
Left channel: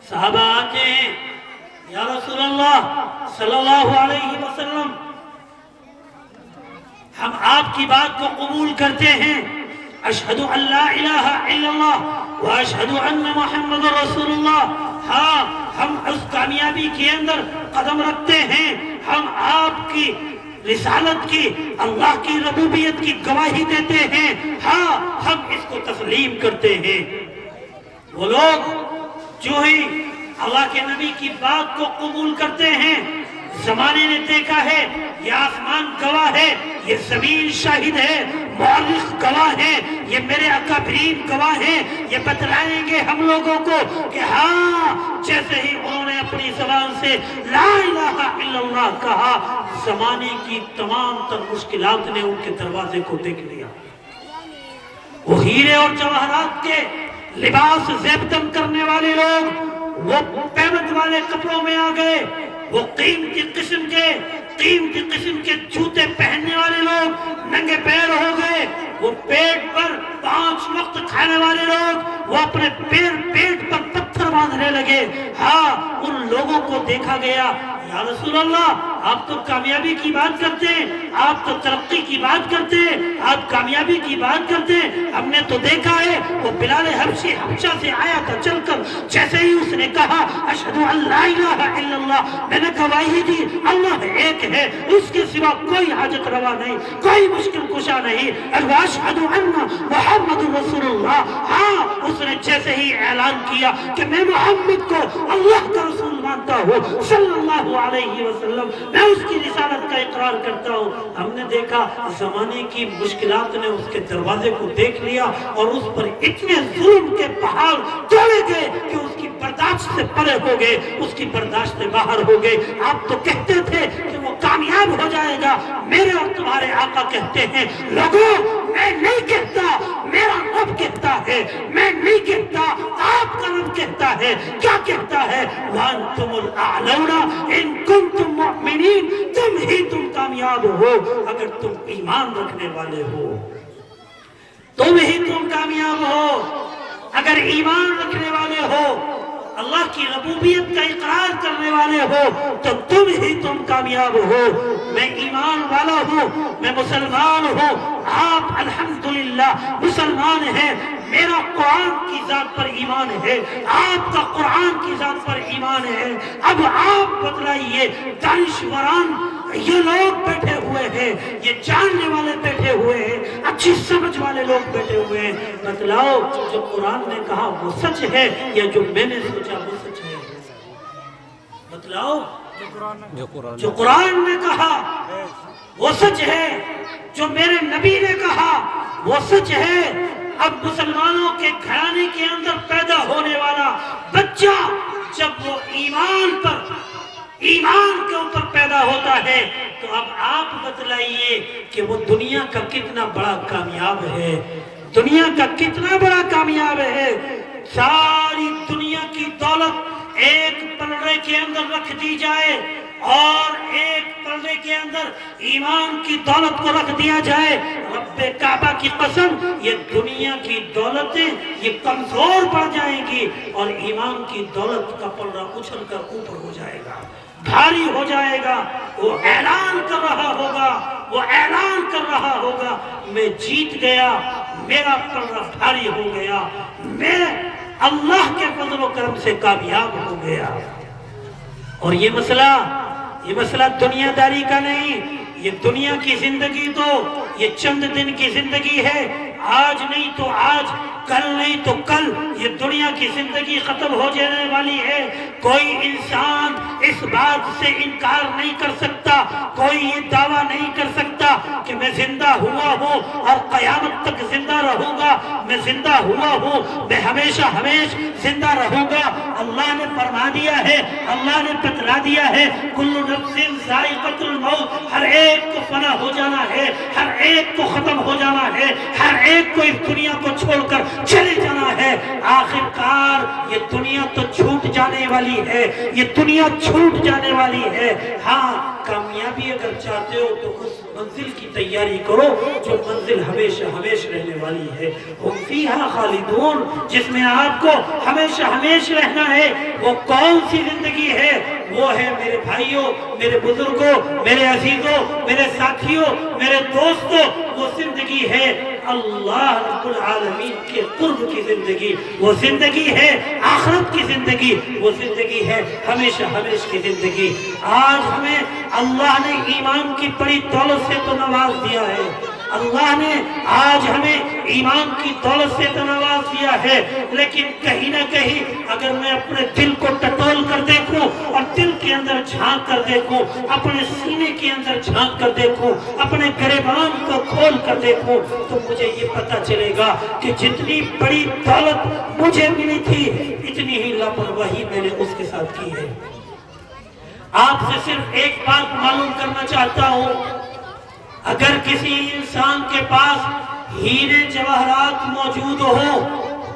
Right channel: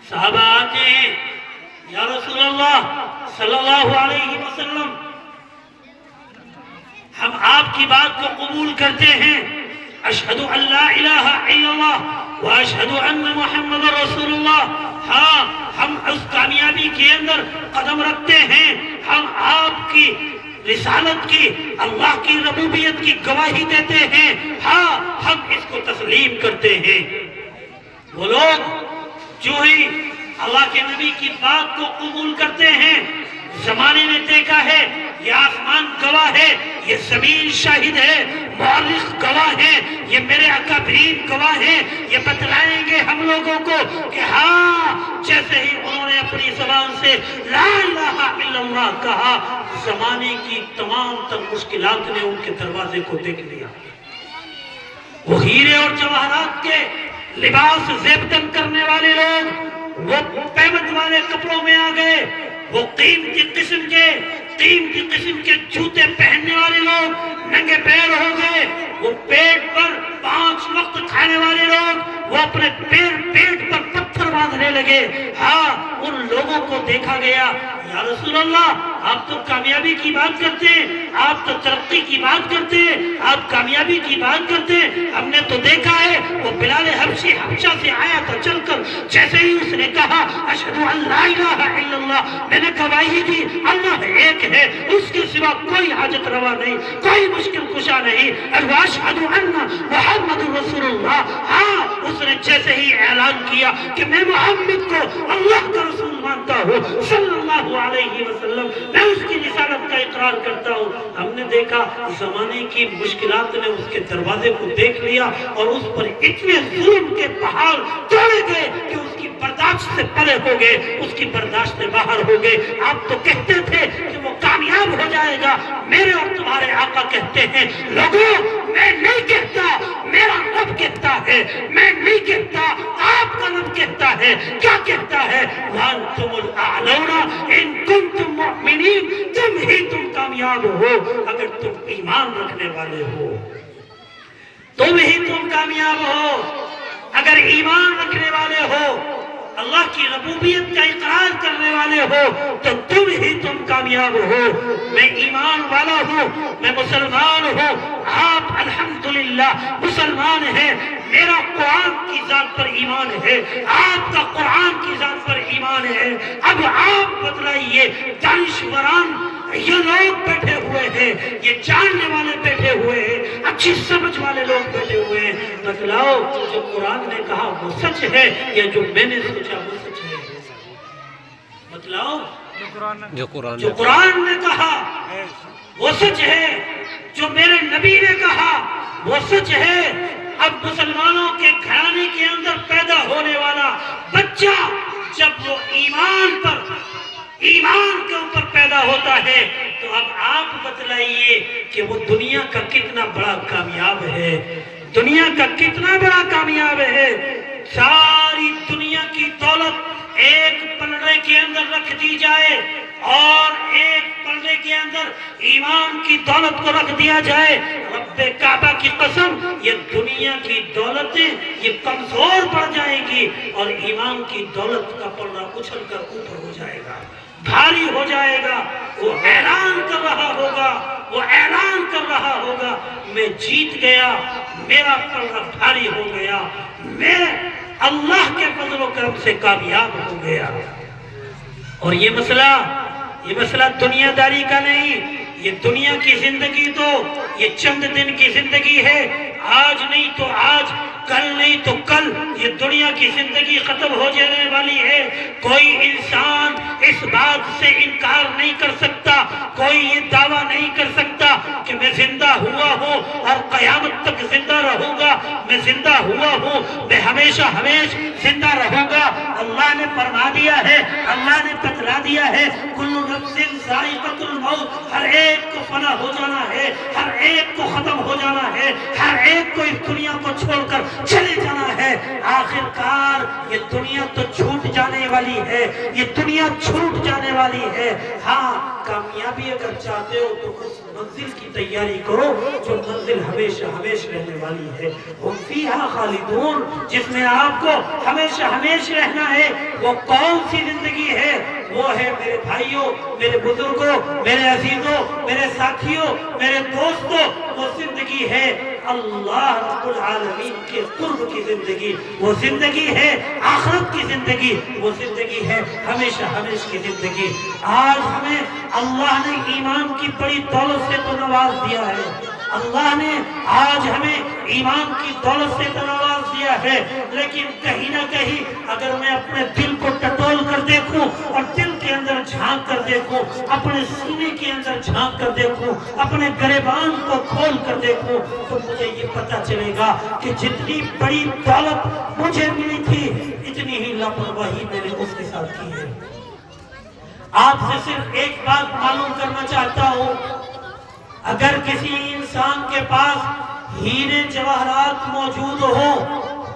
صحابہ آتے ہیں، یا رسول اللہ صلی اللہ علیہ وسلم، ہم آپ کی بات کو قبول کرتے ہیں، اشہدو ان لا الہ الا اللہ و اشہدو ان محمد رسول اللہ۔ ہاں ہم اس کامیابی کے اندر قدم رکھتے ہیں، ہم آپ کی رسالت کی، اللہ کی ربوبیت کی گواہی دیتے ہیں، ہاں ہم اس کو تسلیم کرتے ہیں۔ وہ لوگ جو ہی اللہ کے نبی کی بات کو قبول کرتے ہیں، زمانے نے دیکھا ہے، یہ آسمان گواہ ہے، یہ زمین شاہد ہے، مورخ گواہ ہے، یہ میرے اکابرین گواہ ہیں، یہ بتلائیں گے ہم لوگوں کو کہ ہاں جیسے ہی انہوں نے اپنی زبان سے لا الہ الا اللہ کہا، زمانے کی تمام تر مشکلات نے ان کے دروازے کو دیکھ لیا۔ وہ ہیرے اور جواہرات کے لباس زیبتن کرنے والے لوگ وہ پیمنٹ والے کپڑوں میں آ گئے، وہ قیمتی قسم کے جوتے پہننے والے لوگ ننگے پیر ہو گئے، وہ پیٹ پر 5 وقت کھانے والے لوگ وہ اپنے پیٹ پر پتھر باندھنے لگے۔ ہاں ان لوگوں کو دیکھا گیا، یا رسول اللہ آپ تو کامیابی کی بات کرتے ہیں، آپ تو ترقی کی بات کرتے ہیں، آپ کامیابی کی بات کرتے ہیں، ہم نے تو دیکھا ہے وہ بلال حبشی حبشہ سے آیا تھا چل کر، جیسے ہی اس نے کہا اشہدو ان لا الہ الا اللہ، میں نے گواہی دی اللہ ایک ہے، اس کے سوا کوئی حاجت روا نہیں، کوئی مشکل کشا نہیں، اشہدو ان محمد رسول اللہ۔ ہاں اس نے جیسے ہی اعلان کیا کہ میں محمد کو اللہ کا رسول مانتا ہوں صلی اللہ علیہ وسلم، میں اس کی رسالت کا اقرار کرتا ہوں، ہم نے دیکھا زمانے کی مشکلات نے اس کے دروازے کو دیکھ لیا اور اس پر اتنے ظلم کے پہاڑ توڑے گئے کہ اس کی برداشت سے پرے ہو گئے، اس کی برداشت سے باہر ہو گئے۔ آپ تو کہتے تھے کہ وہ کامیاب ہو جائے گا، میرے اور تمہارے آقا کہتے ہیں لوگوں میں نہیں کہتا، میرا رب کہتا ہے، میں نہیں کہتا، آپ کا رب کہتا ہے۔ کیا کہتا ہے؟ وَأَنْتُمُ الْأَعْلَوْنَ إِن كُنتُم مُؤْمِنِينَ، تم کامیاب ہو اگر تم ایمان رکھنے والے ہو، تم کامیاب ہو اگر ایمان رکھنے والے ہو، اللہ کی ربوبیت کا اقرار کرنے والے ہو، تو تم کامیاب ہو۔ میں ایمان والا ہوں، میں مسلمان ہوں، آپ الحمدللہ مسلمان ہیں، میرا قرآن کی ذات پر ایمان ہے، آپ کا قرآن کی ذات پر ایمان ہے۔ اب آپ بتلائیے، دانشوران یہ لوگ بیٹھے ہوئے ہیں، یہ جاننے والے بیٹھے ہوئے ہیں، اچھی سمجھ والے لوگ بیٹھے ہوئے ہیں، بتلاؤ جو قرآن نے کہا وہ سچ ہے یا جو میں نے سوچا وہ سچ ہے؟ بتلاؤ جو قرآن نے کہا وہ سچ ہے، جو میرے نبی نے کہا وہ سچ ہے۔ اب مسلمانوں کے گھرانے کے اندر پیدا ہونے والا بچہ جب وہ ایمان کے اوپر پیدا ہوتا ہے تو اب آپ بتلائیے کہ وہ دنیا کا کتنا بڑا کامیاب ہے، دنیا کا کتنا بڑا کامیاب ہے۔ ساری دنیا کی دولت ایک پلڑے کے اندر رکھ دی جائے اور ایک پلڑے کے اندر ایمان کی دولت کو رکھ دیا جائے، رب کعبہ کی قسم یہ دنیا کی دولتیں یہ کمزور پڑ جائیں گی اور ایمان کی دولت کا پلڑا اچھل کر اوپر ہو جائے گا، بھاری ہو جائے گا۔ وہ اعلان کر رہا ہوگا میں جیت گیا، میرا پلڑا بھاری ہو گیا، میں اللہ کے فضل و کرم سے کامیاب ہو گیا۔ اور یہ مسئلہ دنیا داری کا نہیں، یہ دنیا کی زندگی تو یہ چند دن کی زندگی ہے، آج نہیں تو آج، کل نہیں تو کل یہ دنیا کی زندگی ختم ہو جانے والی ہے۔ کوئی انسان اس بات سے انکار نہیں کر سکتا، کوئی یہ دعویٰ نہیں کر سکتا کہ میں زندہ ہوا ہوں اور قیامت تک زندہ رہوں گا، میں زندہ ہوا ہوں، میں ہمیشہ زندہ رہوں گا۔ اللہ نے فرما دیا ہے، اللہ نے بتلا دیا ہے، کل نفس ذائقۃ الموت، ہر ایک کو فنا ہو جانا ہے، ہر ایک کو ختم ہو جانا ہے، ہر ایک کو اس دنیا کو چھوڑ کر چلے جانا ہے۔ آخر کار یہ دنیا تو چھوٹ جانے والی ہے، یہ دنیا چھوٹ جانے والی ہے۔ ہاں کامیابی اگر چاہتے ہو تو اس منزل کی تیاری کرو جو منزل ہمیشہ رہنے والی ہے۔ ہم فیہا خالدون، جس میں آپ کو ہمیشہ رہنا ہے۔ وہ کون سی زندگی ہے؟ وہ ہے میرے بھائیوں، میرے بزرگوں، میرے عزیزوں، میرے ساتھیوں، میرے دوستوں، وہ زندگی ہے اللہ رب العالمین کے قرب کی زندگی، وہ زندگی ہے آخرت کی زندگی، وہ زندگی ہے ہمیشہ کی زندگی۔ آج ہمیں اللہ نے ایمان کی بڑی دولت سے تو نواز دیا ہے، اللہ نے آج ہمیں ایمان کی دولت سے تو نواز دیا ہے، لیکن کہیں نہ کہیں اگر میں اپنے دل کو ٹٹول کر دیکھوں اور دل کے اندر جھانک کر دیکھوں، اپنے سینے کے اندر جھانک کر دیکھوں، اپنے گریبان کو کھول کر دیکھوں، تو مجھے یہ پتہ چلے گا کہ جتنی بڑی دولت مجھے ملی تھی اتنی ہی لاپرواہی میں نے اس کے ساتھ کی ہے۔ آپ سے صرف ایک بات معلوم کرنا چاہتا ہوں، اگر کسی انسان کے پاس ہیرے جواہرات موجود ہو،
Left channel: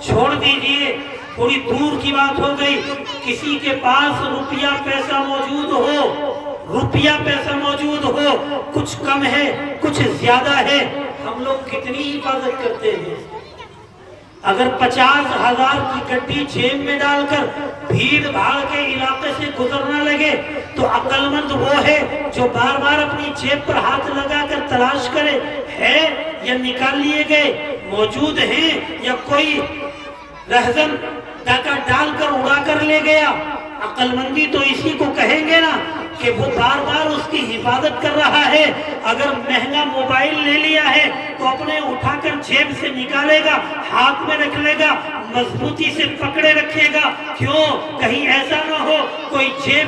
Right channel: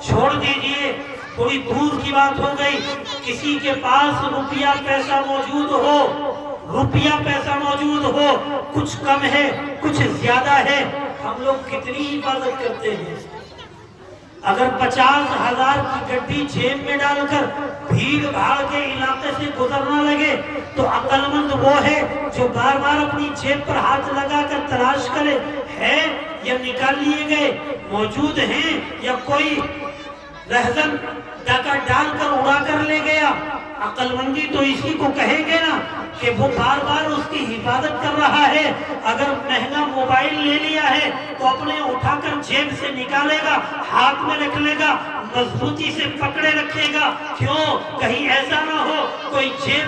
چھوڑ دیجئے تھوڑی دور کی بات ہو گئی، کسی کے پاس روپیہ پیسہ موجود ہو، کچھ کم ہے کچھ زیادہ ہے، ہم لوگ کتنی حفاظت کرتے ہیں؟ اگر 50,000 کی گڈی جیب میں ڈال کر بھیڑ بھاڑ کے علاقے سے گزرنا لگے تو عقل مند وہ ہے جو بار بار اپنی جیب پر ہاتھ لگا کر تلاش کرے ہے یا نکال لیے گئے، موجود ہیں یا کوئی رہزن ڈاکہ ڈال کر اڑا کر لے گیا۔ عقل مندی تو اسی کو کہیں گے نا کہ وہ بار بار اس کی حفاظت کر رہا ہے۔ اگر مہنگا موبائل لے لیا ہے تو اپنے اٹھا کر جیب سے نکالے گا، ہاتھ میں رکھ لے گا، مضبوطی سے پکڑے رکھے گا، کیوں؟ کہیں ایسا نہ ہو کوئی جیب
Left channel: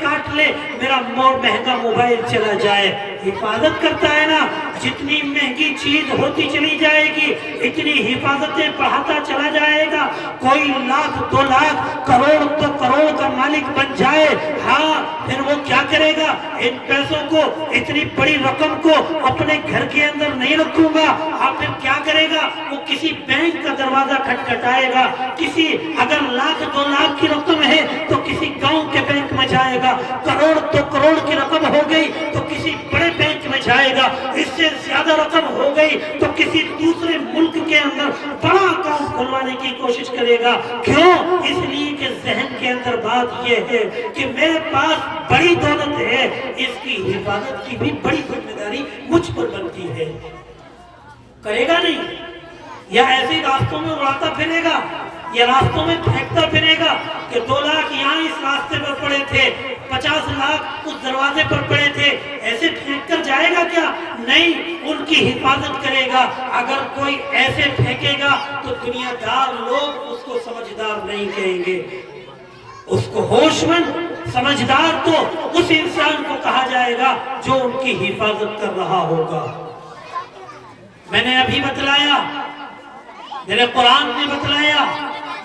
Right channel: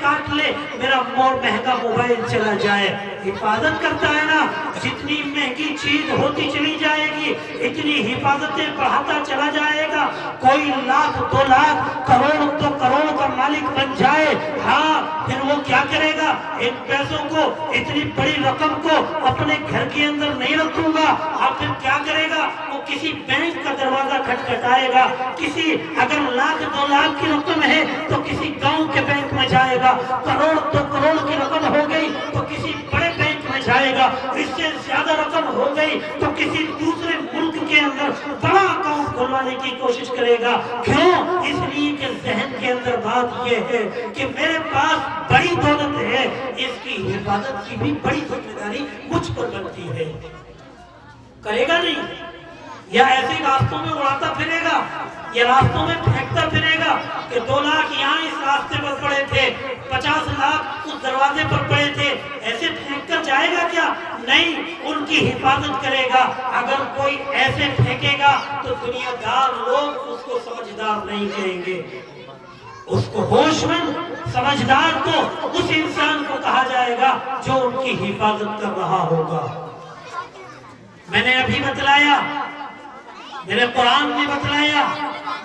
کاٹ لے، میرا مہنگا موبائل چلا جائے۔ حفاظت کرتا ہے نا، جتنی مہنگی چیز ہوتی چلی جائے گی اتنی حفاظتیں بڑھاتا چلا جائے گا۔ کوئی لاکھ 2 لاکھ کروڑ تو کروڑ کا مالک بن جائے، ہاں پھر وہ کیا کرے گا؟ ان پیسوں کو, اتنی بڑی رقم کو اپنے گھر کے اندر نہیں رکھوں گا. اور پھر کیا کرے گا؟ وہ کسی بینک کا دروازہ کھٹکھٹائے گا. کسی اگر 1,00,000 2 لاکھ کی رقم ہے تو کسی گاؤں کے بینک میں جائے گا. کروڑ 2 کروڑ کی رقم ہو گئی تو کسی بڑے بینک میں جائے گا. اس سے زیادہ رقم ہو گئی تو کسی دوسرے ملک کے اندر بڑا اکاؤنٹ کھلوانے کی کوشش کرے گا. کیوں؟ اس لیے کہ ذہن کے اندر بات یہ ہے کہ میرے پاس بڑی دولت ہے, اس کی حفاظت کی بھی بڑی ذمہ داری مجھ پر بنتی ہے. کرے گا نہیں؟ یا ایسے راستوں میں اڑاتا پھرے گا, یا راستوں میں پھینکتا پھرے گا کہ 2 لاکھ یہاں اس راستے پر پڑے تھے, 50 لاکھ اس دروازے پر پڑے تھے, ایسے پھینک کر جائے گا کیا؟ نہیں, ان کی حفاظت کرے گا. اگر کوئی ایسے پھینکے گا تو دنیا دار لوگ اس کو سمجھدار نہیں کہیں گے. اس کو ہوش مند سمجھدار تو اس انسان کو کہا جائے گا جو ان کی حفاظت کر رہا ہوگا. میں نے ابھی بتلایا, میرے قرآن نے بتلایا,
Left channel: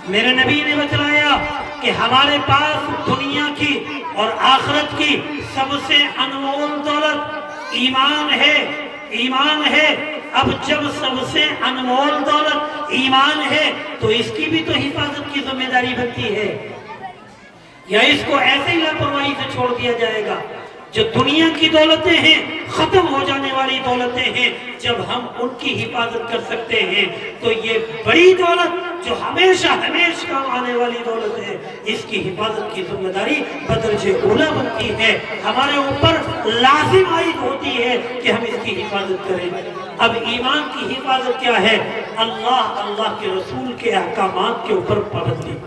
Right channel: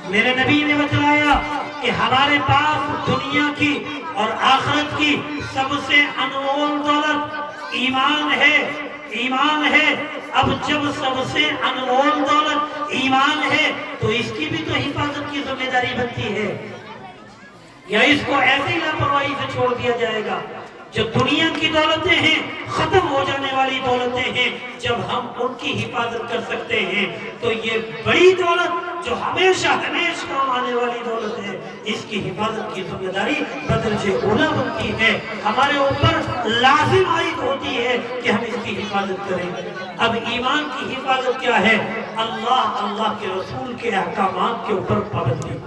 میرے نبی نے بتلایا کہ ہمارے پاس دنیا کی اور آخرت کی سب سے انمول دولت ایمان ہے. ایمان ہے. اب جب سب سے انمول دولت ایمان ہے تو اس کی بھی تو حفاظت کی ذمہ داری بنتی ہے, یا اس کو ایسے ہی لاپرواہی سے چھوڑ دیا جائے گا؟ جو دنیا کی دولتیں ہیں, ختم ہو جانے والی دولتیں ہیں, جب ہم ان کی حفاظت کر سکتے ہیں تو یہ بڑی دولت جو ہمیشہ ہمیشہ کام آنے والی دولت ہے, اس کی حفاظت کی ذمہ داری بدرجہ اولا بنتی ہے. ہمارے اوپر لازم عائد ہوتی ہے کہ ہم اس کی حفاظت کریں. اب ایمان کی حفاظت کیا ہے؟ اللہ کے رسول کے احکامات کے اوپر پابندی.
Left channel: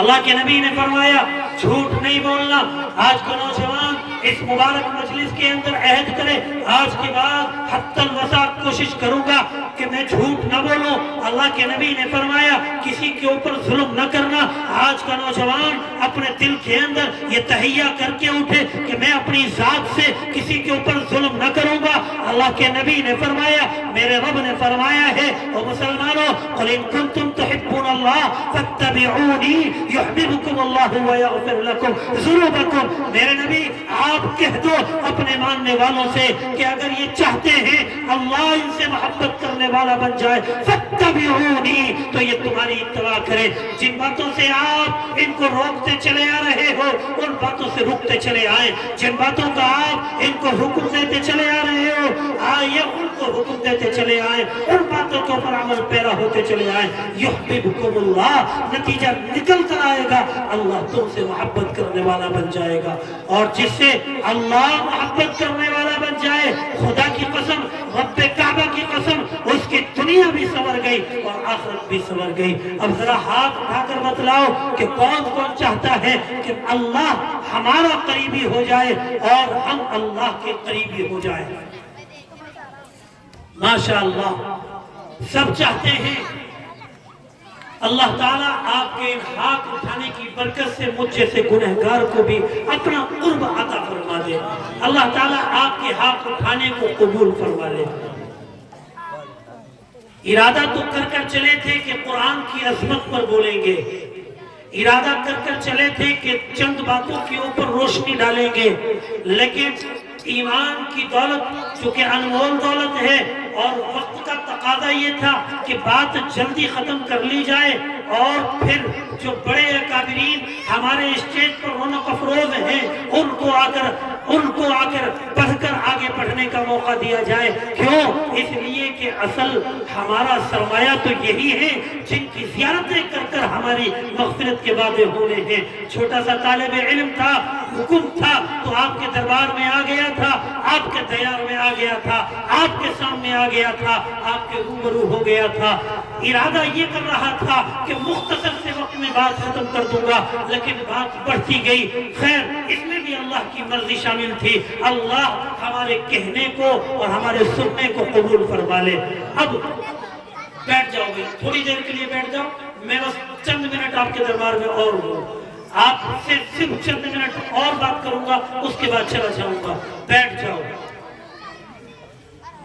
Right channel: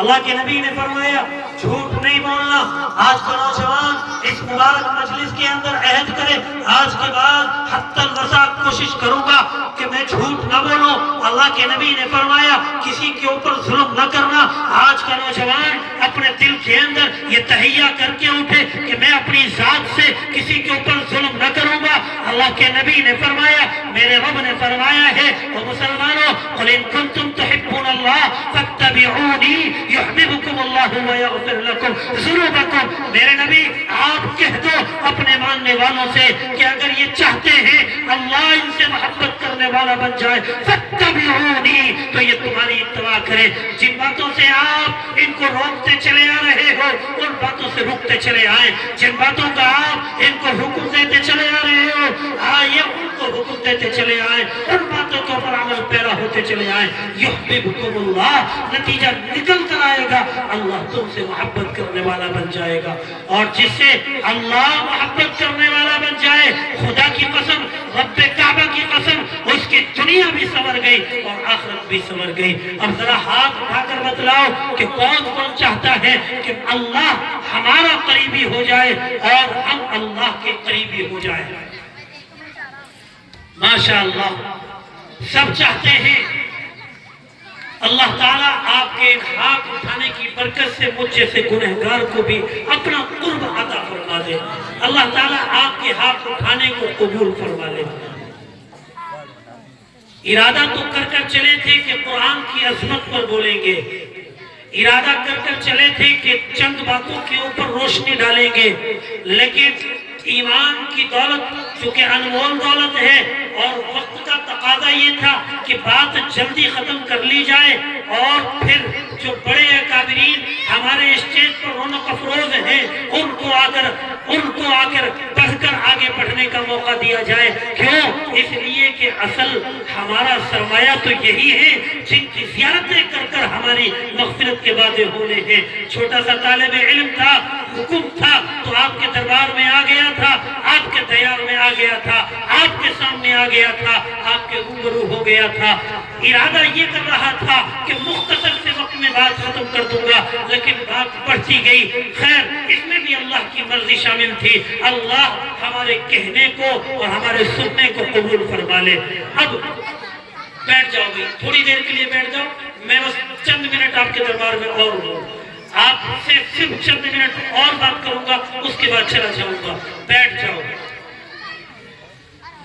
اللہ کے نبی نے فرمایا جھوٹ نہیں بولنا. آج کا نوجوان اس مبارک مجلس کے اندر عہد کرے, آج کے بعد حتی الوسع کوشش کروں گا کہ میں جھوٹ نہ بولوں. اللہ کے نبی نے فرمایا کسی کے اوپر ظلم نہ کرنا. آج کا نوجوان اپنے دل کے اندر یہ تہیہ کر کے اٹھے کہ میں اپنی ذات سے کسی کے اوپر ظلم نہ کروں گا. اللہ کے نبی نے فرمایا, میرے رب نے فرمایا ہے, او مسلمانوں, قل ان کنتم تحبون اللہ فاتبعونی یحببکم اللہ ویغفر لکم ذنوبکم. میرے نبی آپ کہہ دو اپنے ماننے والوں سے کہ اگر یہ چاہتے ہیں اللہ ان سے محبت کرنے والا بن جائے, فاتبعونی, تو یہ تمہاری اتباع کرے. جن باتوں سے آپ ان کو روکتے چلے آ رہے ہو ان باتوں سے رکتے چلے آئیں. جن باتوں کا آپ ان کو حکم دیتے چلے آ رہے ہو آئیے ان کو حکم دیتے چلے آئیں. ان باتوں کے اوپر عمل پیرا ہوتے چلے آئیں. یحببکم اللہ, نتیجہ نکل کر آئے گا اللہ تم سے محبت کرنے والا بن جائے گا. اور جس سے اللہ محبت کرنے والا بن جائے, خدا کی قسم, رب کعبہ کی قسم, اس کی دنیا بھی سنور گئی اور آخرت بھی سنور گئی. اب ذرا ہاتھ اٹھا کر بتلاؤ کہ کون کون چاہتا ہے کہ اللہ ہمارا قریبی ہو جائے اور ہم اللہ کے قریبی ہو جائیں. ماشاءاللہ سب چاہتے ہیں. اللہ تعالیٰ آپ کے ہاتھ اٹھانے کی برکت سے مجھ جیسے گنہگار کو بھی اپنا قرب عطا فرما دے. اللہ تعالیٰ آپ کے ہاتھ اٹھانے کو قبول فرما لے. ارادہ تو کر چلے تھے کہ قرآن کی عظمت پر بولیں گے, ارادہ کر چلے تھے کہ چند باتوں کے اوپر روشنی ڈالیں گے, لیکن ایمان کی دولت چونکہ انمول دولت ہے اور وقت کا تقاضا یہ تھا کہ بات جلدی ختم کر لی جائے اور پھر جو بڑے اکابرین ہمارے اسٹیج پر رونق افروز ہیں ان کو آ کر پڑھ کر آگے بڑھنے کا موقع دیا جائے. کیوں؟ اس لیے کہ اصل ہمارا سرمایہ تو یہی ہے جن کی زیارتیں کر ہماری مغفرت کے وعدے ہونے ہیں. چھوٹا سا طالب علم تھا, حکم تھا تو آپ کے دربار میں آ گیا تھا, آپ کے دیار میں آ گیا تھا, آپ کے سامنے آ گیا تھا, آپ کے روبرو ہو گیا تھا. ارادہ یہ کر رہا تھا کہ مختصر سے وقت میں بات ختم کر دوں گا, لیکن بات بڑھتی گئی. خیر, اس میں بھی اللہ کی مرضی شامل تھی. اللہ ہمارے کہنے کو اور ہمارے سننے کو قبول فرما لے. اب بیٹھ جاؤ بھائی, تھوڑی دیر کے لیے بیٹھ جاؤ. میں بس چند منٹ آپ کے دربار میں اور ہوں, آپ سے صرف چند منٹ اور بات کروں گا, اس کے بعد چلا جاؤں گا. بیٹھ جاؤ.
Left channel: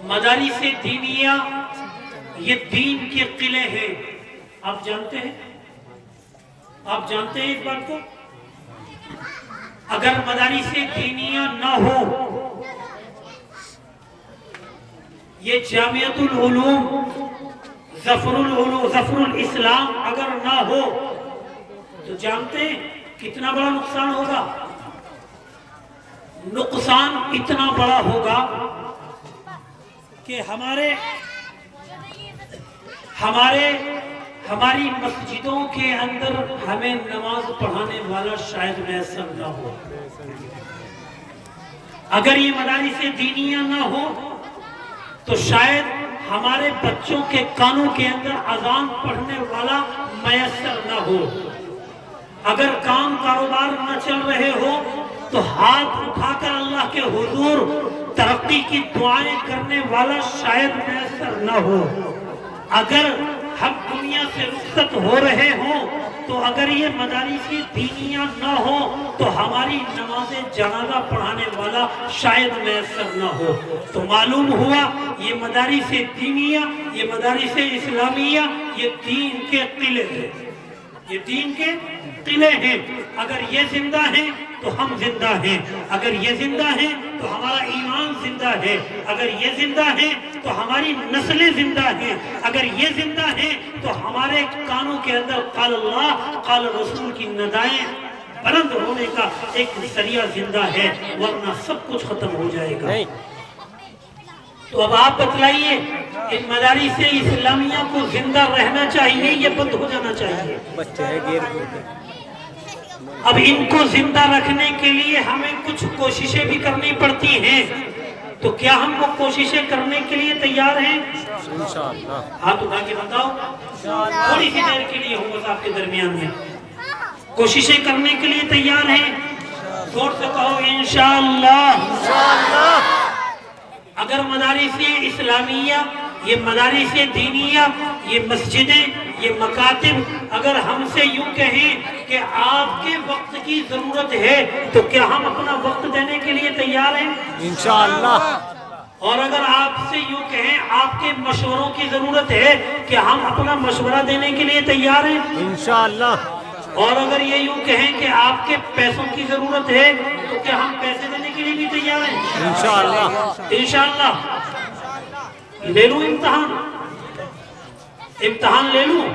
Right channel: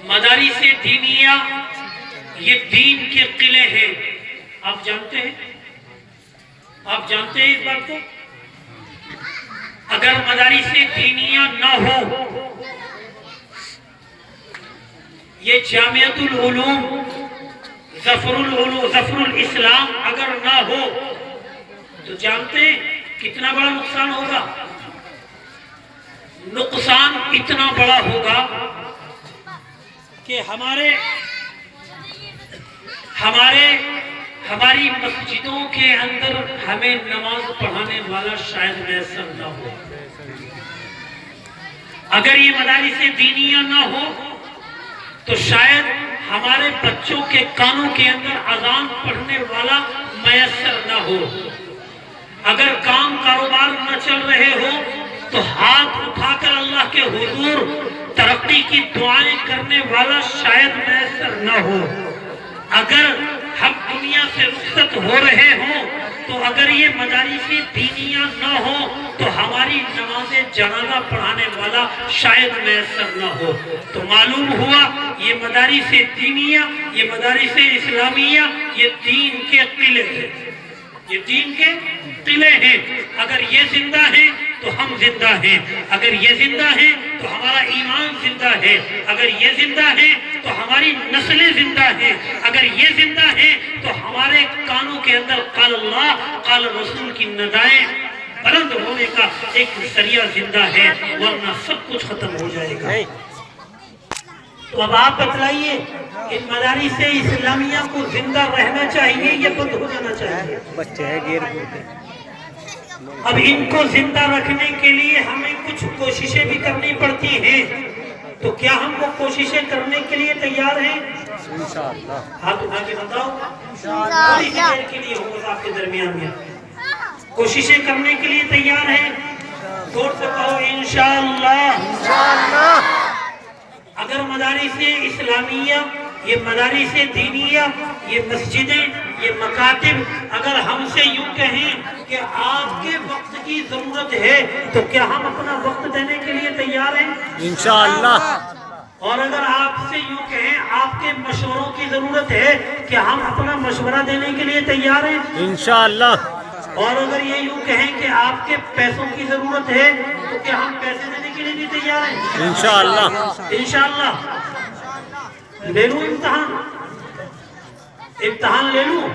مدارس دینیہ یہ دین کے قلعے ہیں. آپ جانتے ہیں, آپ جانتے ہیں اس بات کو؟ اگر مدارس دینیہ نہ ہو، یہ جامعۃ العلوم ظفر الاسلام اگر نہ ہو تو جانتے ہیں کتنا بڑا نقصان ہوگا؟ نقصان اتنا بڑا ہوگا کہ ہماری مسجدوں کے اندر ہمیں نماز پڑھانے والا شاید میسر نہ ہو۔ اگر یہ مدارس دینیہ نہ ہو تو شاید ہمارے بچوں کے کانوں کے اندر اذان پڑھنے والا میسر نہ ہو۔ اگر کام کاروبار نہ چل رہے ہو تو ہاتھ اٹھا کر اللہ کے حضور ترقی کی دعائیں کرنے والا شاید میسر نہ ہو۔ اگر ہم دنیا سے رخصت ہو رہے ہوں تو اگر یہ مدارس دینیہ نہ ہو تو ہماری نماز جنازہ پڑھانے والا شاید میسر نہ ہو۔ تو معلوم ہوا یہ مدارس دینیہ، یہ مدارس اسلامیہ، یہ دین کے قلعے ہیں، یہ دین کے قلعے ہیں۔ اگر یہ زندہ ہیں تو ہم زندہ ہیں، اگر یہ زندہ ہیں تو ہمارا ایمان زندہ ہے، اگر یہ زندہ ہیں تو ہماری نسلیں زندہ ہیں، اگر یہ زندہ ہیں تو ہمارے کانوں کے اندر قال اللہ قال رسول کی ندائیں بلند ہونے کا ایک ذریعہ زندہ ہے، ورنہ سب کچھ ختم ہو جائے گا۔ تو اب آپ بتلائیے ان مدارس اسلامیہ کو زندہ رہنا چاہیے یا بند ہو جانا چاہیے؟ اب ان کو زندہ رکھنے کے لیے ہمیں کچھ کوششیں بھی کرنی پڑتی ہیں، تو کیا ہم وہ کوششیں کرنے کے لیے تیار ہیں؟ ہاتھ اٹھا کے بتاؤ، تھوڑی سی دیر کے لیے ہوں بس آپ کے درمیان میں، کوششیں کرنے کے لیے تیار ہیں؟ زور سے کہو انشاءاللہ۔ اگر مدارس اسلامیہ، یہ مدارس دینیہ، یہ مسجدیں، یہ مکاتب اگر ہم سے یوں کہیں کہ آپ کے وقت کی ضرورت ہے تو کیا ہم اپنا وقت دینے کے لیے تیار ہیں؟ انشاءاللہ۔ اور اگر آپ سے یوں کہیں آپ کے مشوروں کی ضرورت ہے کیا ہم اپنا مشورہ دینے کے لیے تیار ہیں؟ انشاءاللہ۔ اور اگر یہ یوں کہیں کہ آپ کے پیسوں کی ضرورت ہے تو کیا ہم پیسے دینے کے لیے بھی تیار ہیں؟ انشاءاللہ۔ انشاءاللہ۔ لے لوں امتحان لے لوں؟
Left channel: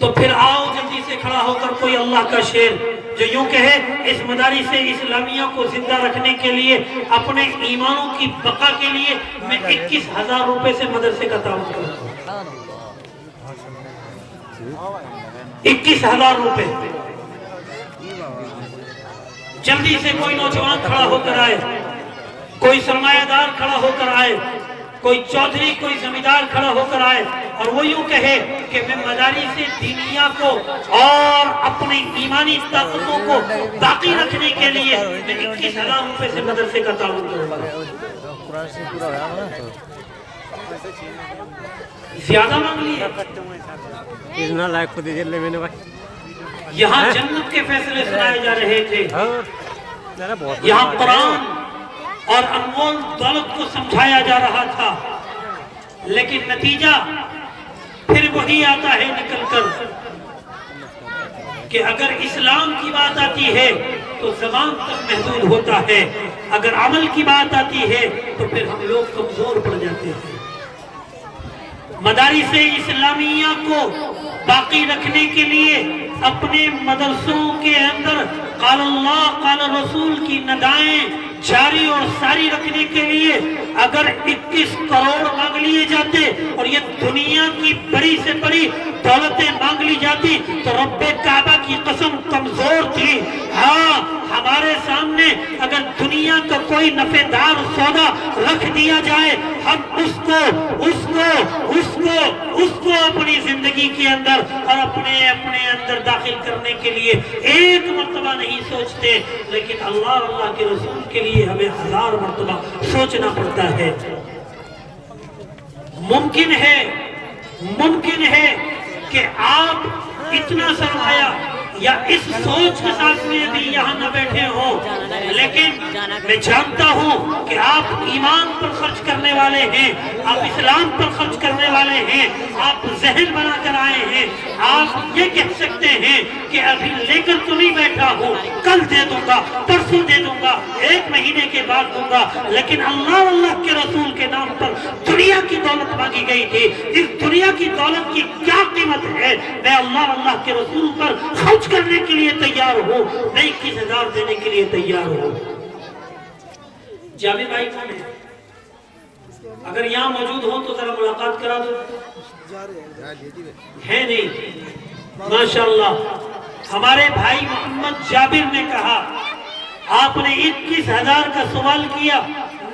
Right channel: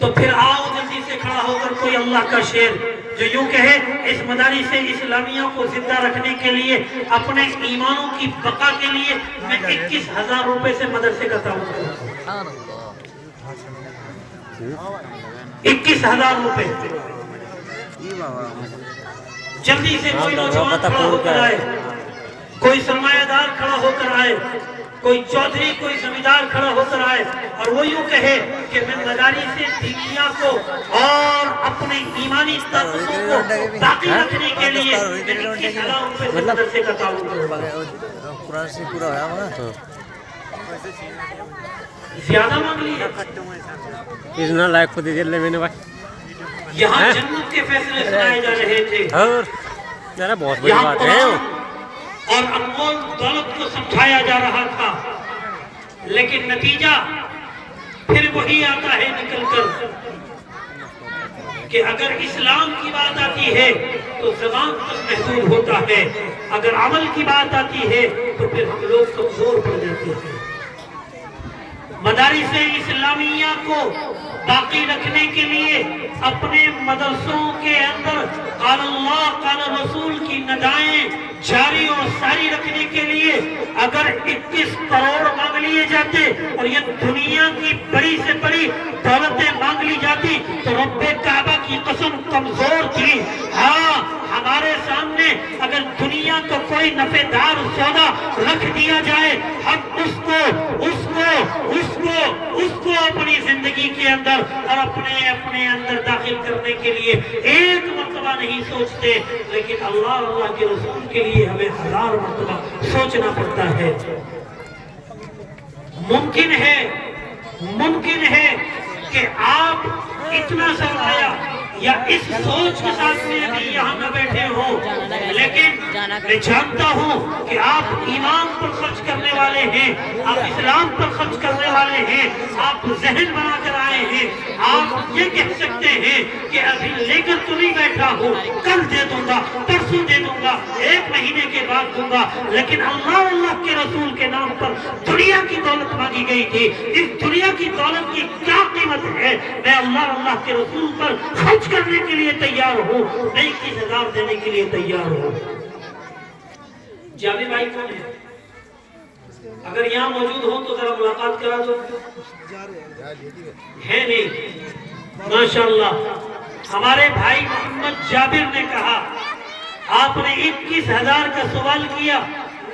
تو پھر آؤ جلدی سے کھڑا ہو کر کوئی اللہ کا شیر جو یوں کہے اس مدارس اسلامیہ کو زندہ رکھنے کے لیے، اپنے ایمانوں کی بقا کے لیے میں 21,000 روپے سے مدرسے کا تعاون کرتا ہوں۔ 21,000 روپے۔ جلدی سے کوئی نوجوان کھڑا ہو کر آئے، کوئی سرمایہ دار کھڑا ہو کر آئے، کوئی چودھری کوئی زمیندار کھڑا ہو کر آئے اور وہ یوں کہے کہ میں مدارس دینیہ کو اور اپنی ایمانی طاقتوں کو باقی رکھنے کے لیے 21,000 روپے سے مدرسے کا تعاون کروں گا۔ زیادہ مانگ لیا؟ یہاں جنت کے فیصلے سنائے جا رہے تھے، یہاں قرآن اور انمول دولت کو سمجھایا جا رہا تھا، لیکن نتیجہ پھر وہی آتا ہے نکل کر کہ اگر اسلام کی بات آتی ہے تو زبان تک محدود ہوتا ہے، اگر عمل کی بات آتی ہے تو پھر ہم لوگ کمزور پڑ جاتے ہیں۔ مدارس اسلامیہ کو باقی رکھنے کے لیے اپنے مدرسوں کے اندر قال اللہ قال رسول کی ندائیں جاری اور ساری رکھنے کے لیے اگر 21 کروڑ مانگ لیے جاتے اور یہ دنیا کی بڑی سے بڑی دولتیں مانگ لی جاتی تو رب کعبہ کی قسم کمزور تھی۔ ہاں ہمارے سامنے اگر دنیا کا کوئی نفع دار سودا رکھ دیا جائے ہم اس کو اپنی زندگی کے اندر اور اپنے اندر داخل کرنے کے لیے ایک مرتبہ نہیں سوچتے، لیکن اللہ کے رسول کے لیے ہمیں 1000 مرتبہ سوچنا پڑتا ہے۔ ممکن ہے کہ آپ اتنا سرمایہ یا اس سوچ کے ساتھ میں ابھی یہاں نہ بیٹھے ہوں، لیکن میں جانتا ہوں کہ آپ ایمان پر خرچ کرنے والے ہیں، آپ اسلام پر خرچ کرنے والے ہیں، آپ ذہن بنا کر آئے ہیں، آپ یہ کہہ سکتے ہیں کہ ابھی لے کر تو نہیں بیٹھا ہوں, کل دے دوں گا, پرسوں دے دوں گا, 1 مہینے کے بعد دوں گا, لیکن اللہ کے رسول کے نام پر دنیا کی دولت مانگی گئی تھی. اس دنیا کی دولت کی کیا قیمت ہے؟ میں اللہ کے رسول پر خرچ کرنے کے لیے تیار ہوں, میں 21,000 دینے کے لیے تیار ہوں. جابر بھائی کون ہے؟ اگر یہاں موجود ہوں تو ذرا ملاقات کرا دو. ہے نہیں؟ ماشاءاللہ. ہمارے بھائی محمد جابر نے کہا آپ نے 21,000 کا سوال کیا,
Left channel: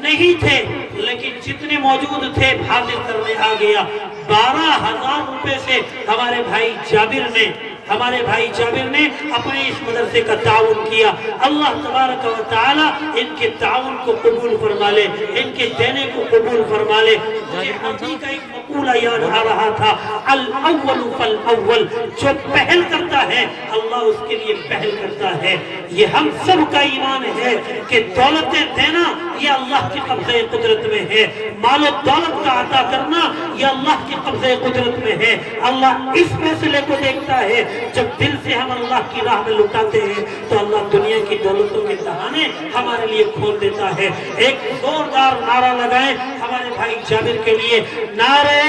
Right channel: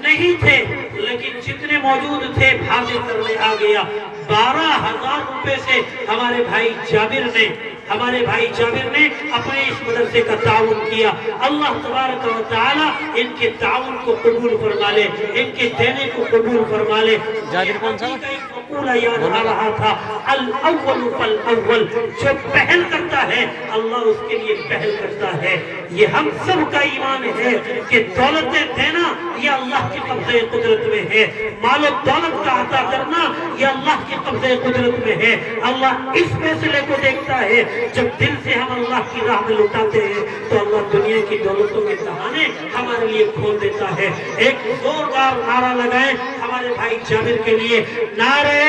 نہیں تھے, لیکن جتنے موجود تھے حاضر کرنے آ گیا. 12,000 روپے سے ہمارے بھائی جابر نے اپنے اس مدرسے کا تعاون کیا. اللہ تبارک و تعالی ان کے تعاون کو قبول فرما لے, ان کے دینے کو قبول فرما لے. مقولہ یاد آ رہا تھا, الاول فالاول, جو پہل کرتا ہے اللہ اس کے لیے پہل کرتا ہے. یہ ہم سب کا ایمان ہے کہ دولتیں دینا یہ اللہ کی قبضہ قدرت میں ہے, مال و دولت کا عطا کرنا یہ اللہ کی قبضہ قدرت میں ہے. اللہ اس فیصلے کو دیکھتا ہے, جب دل سے ہم اللہ کی راہ میں لٹاتے ہیں تو اللہ دنیا کی دولتوں کے دہانے ہمارے لیے کھول دیتا ہے. ایک زوردار نعرہ لگائیں ہمارے بھائی جابر کے لیے, نعرہ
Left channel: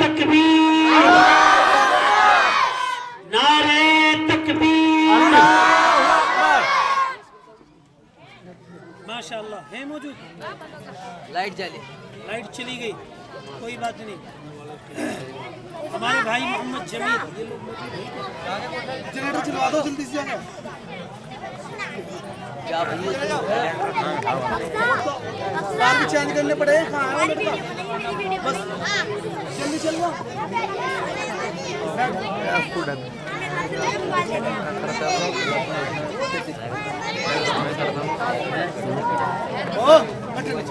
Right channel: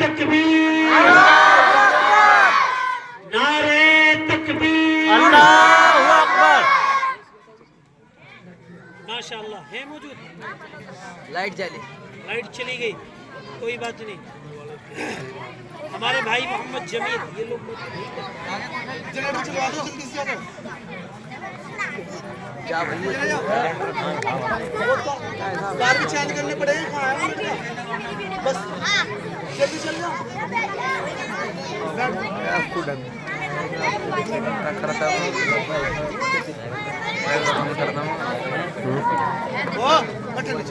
تکبیر, نعرہ تکبیر, اللہ اکبر. ماشاءاللہ. ہے موجود؟ لائٹ چلی گئی, کوئی بات نہیں. ہمارے بھائی محمد جمیل یہ لوگ بھی چینج کرنے پڑے بس جلدی چل جاؤ.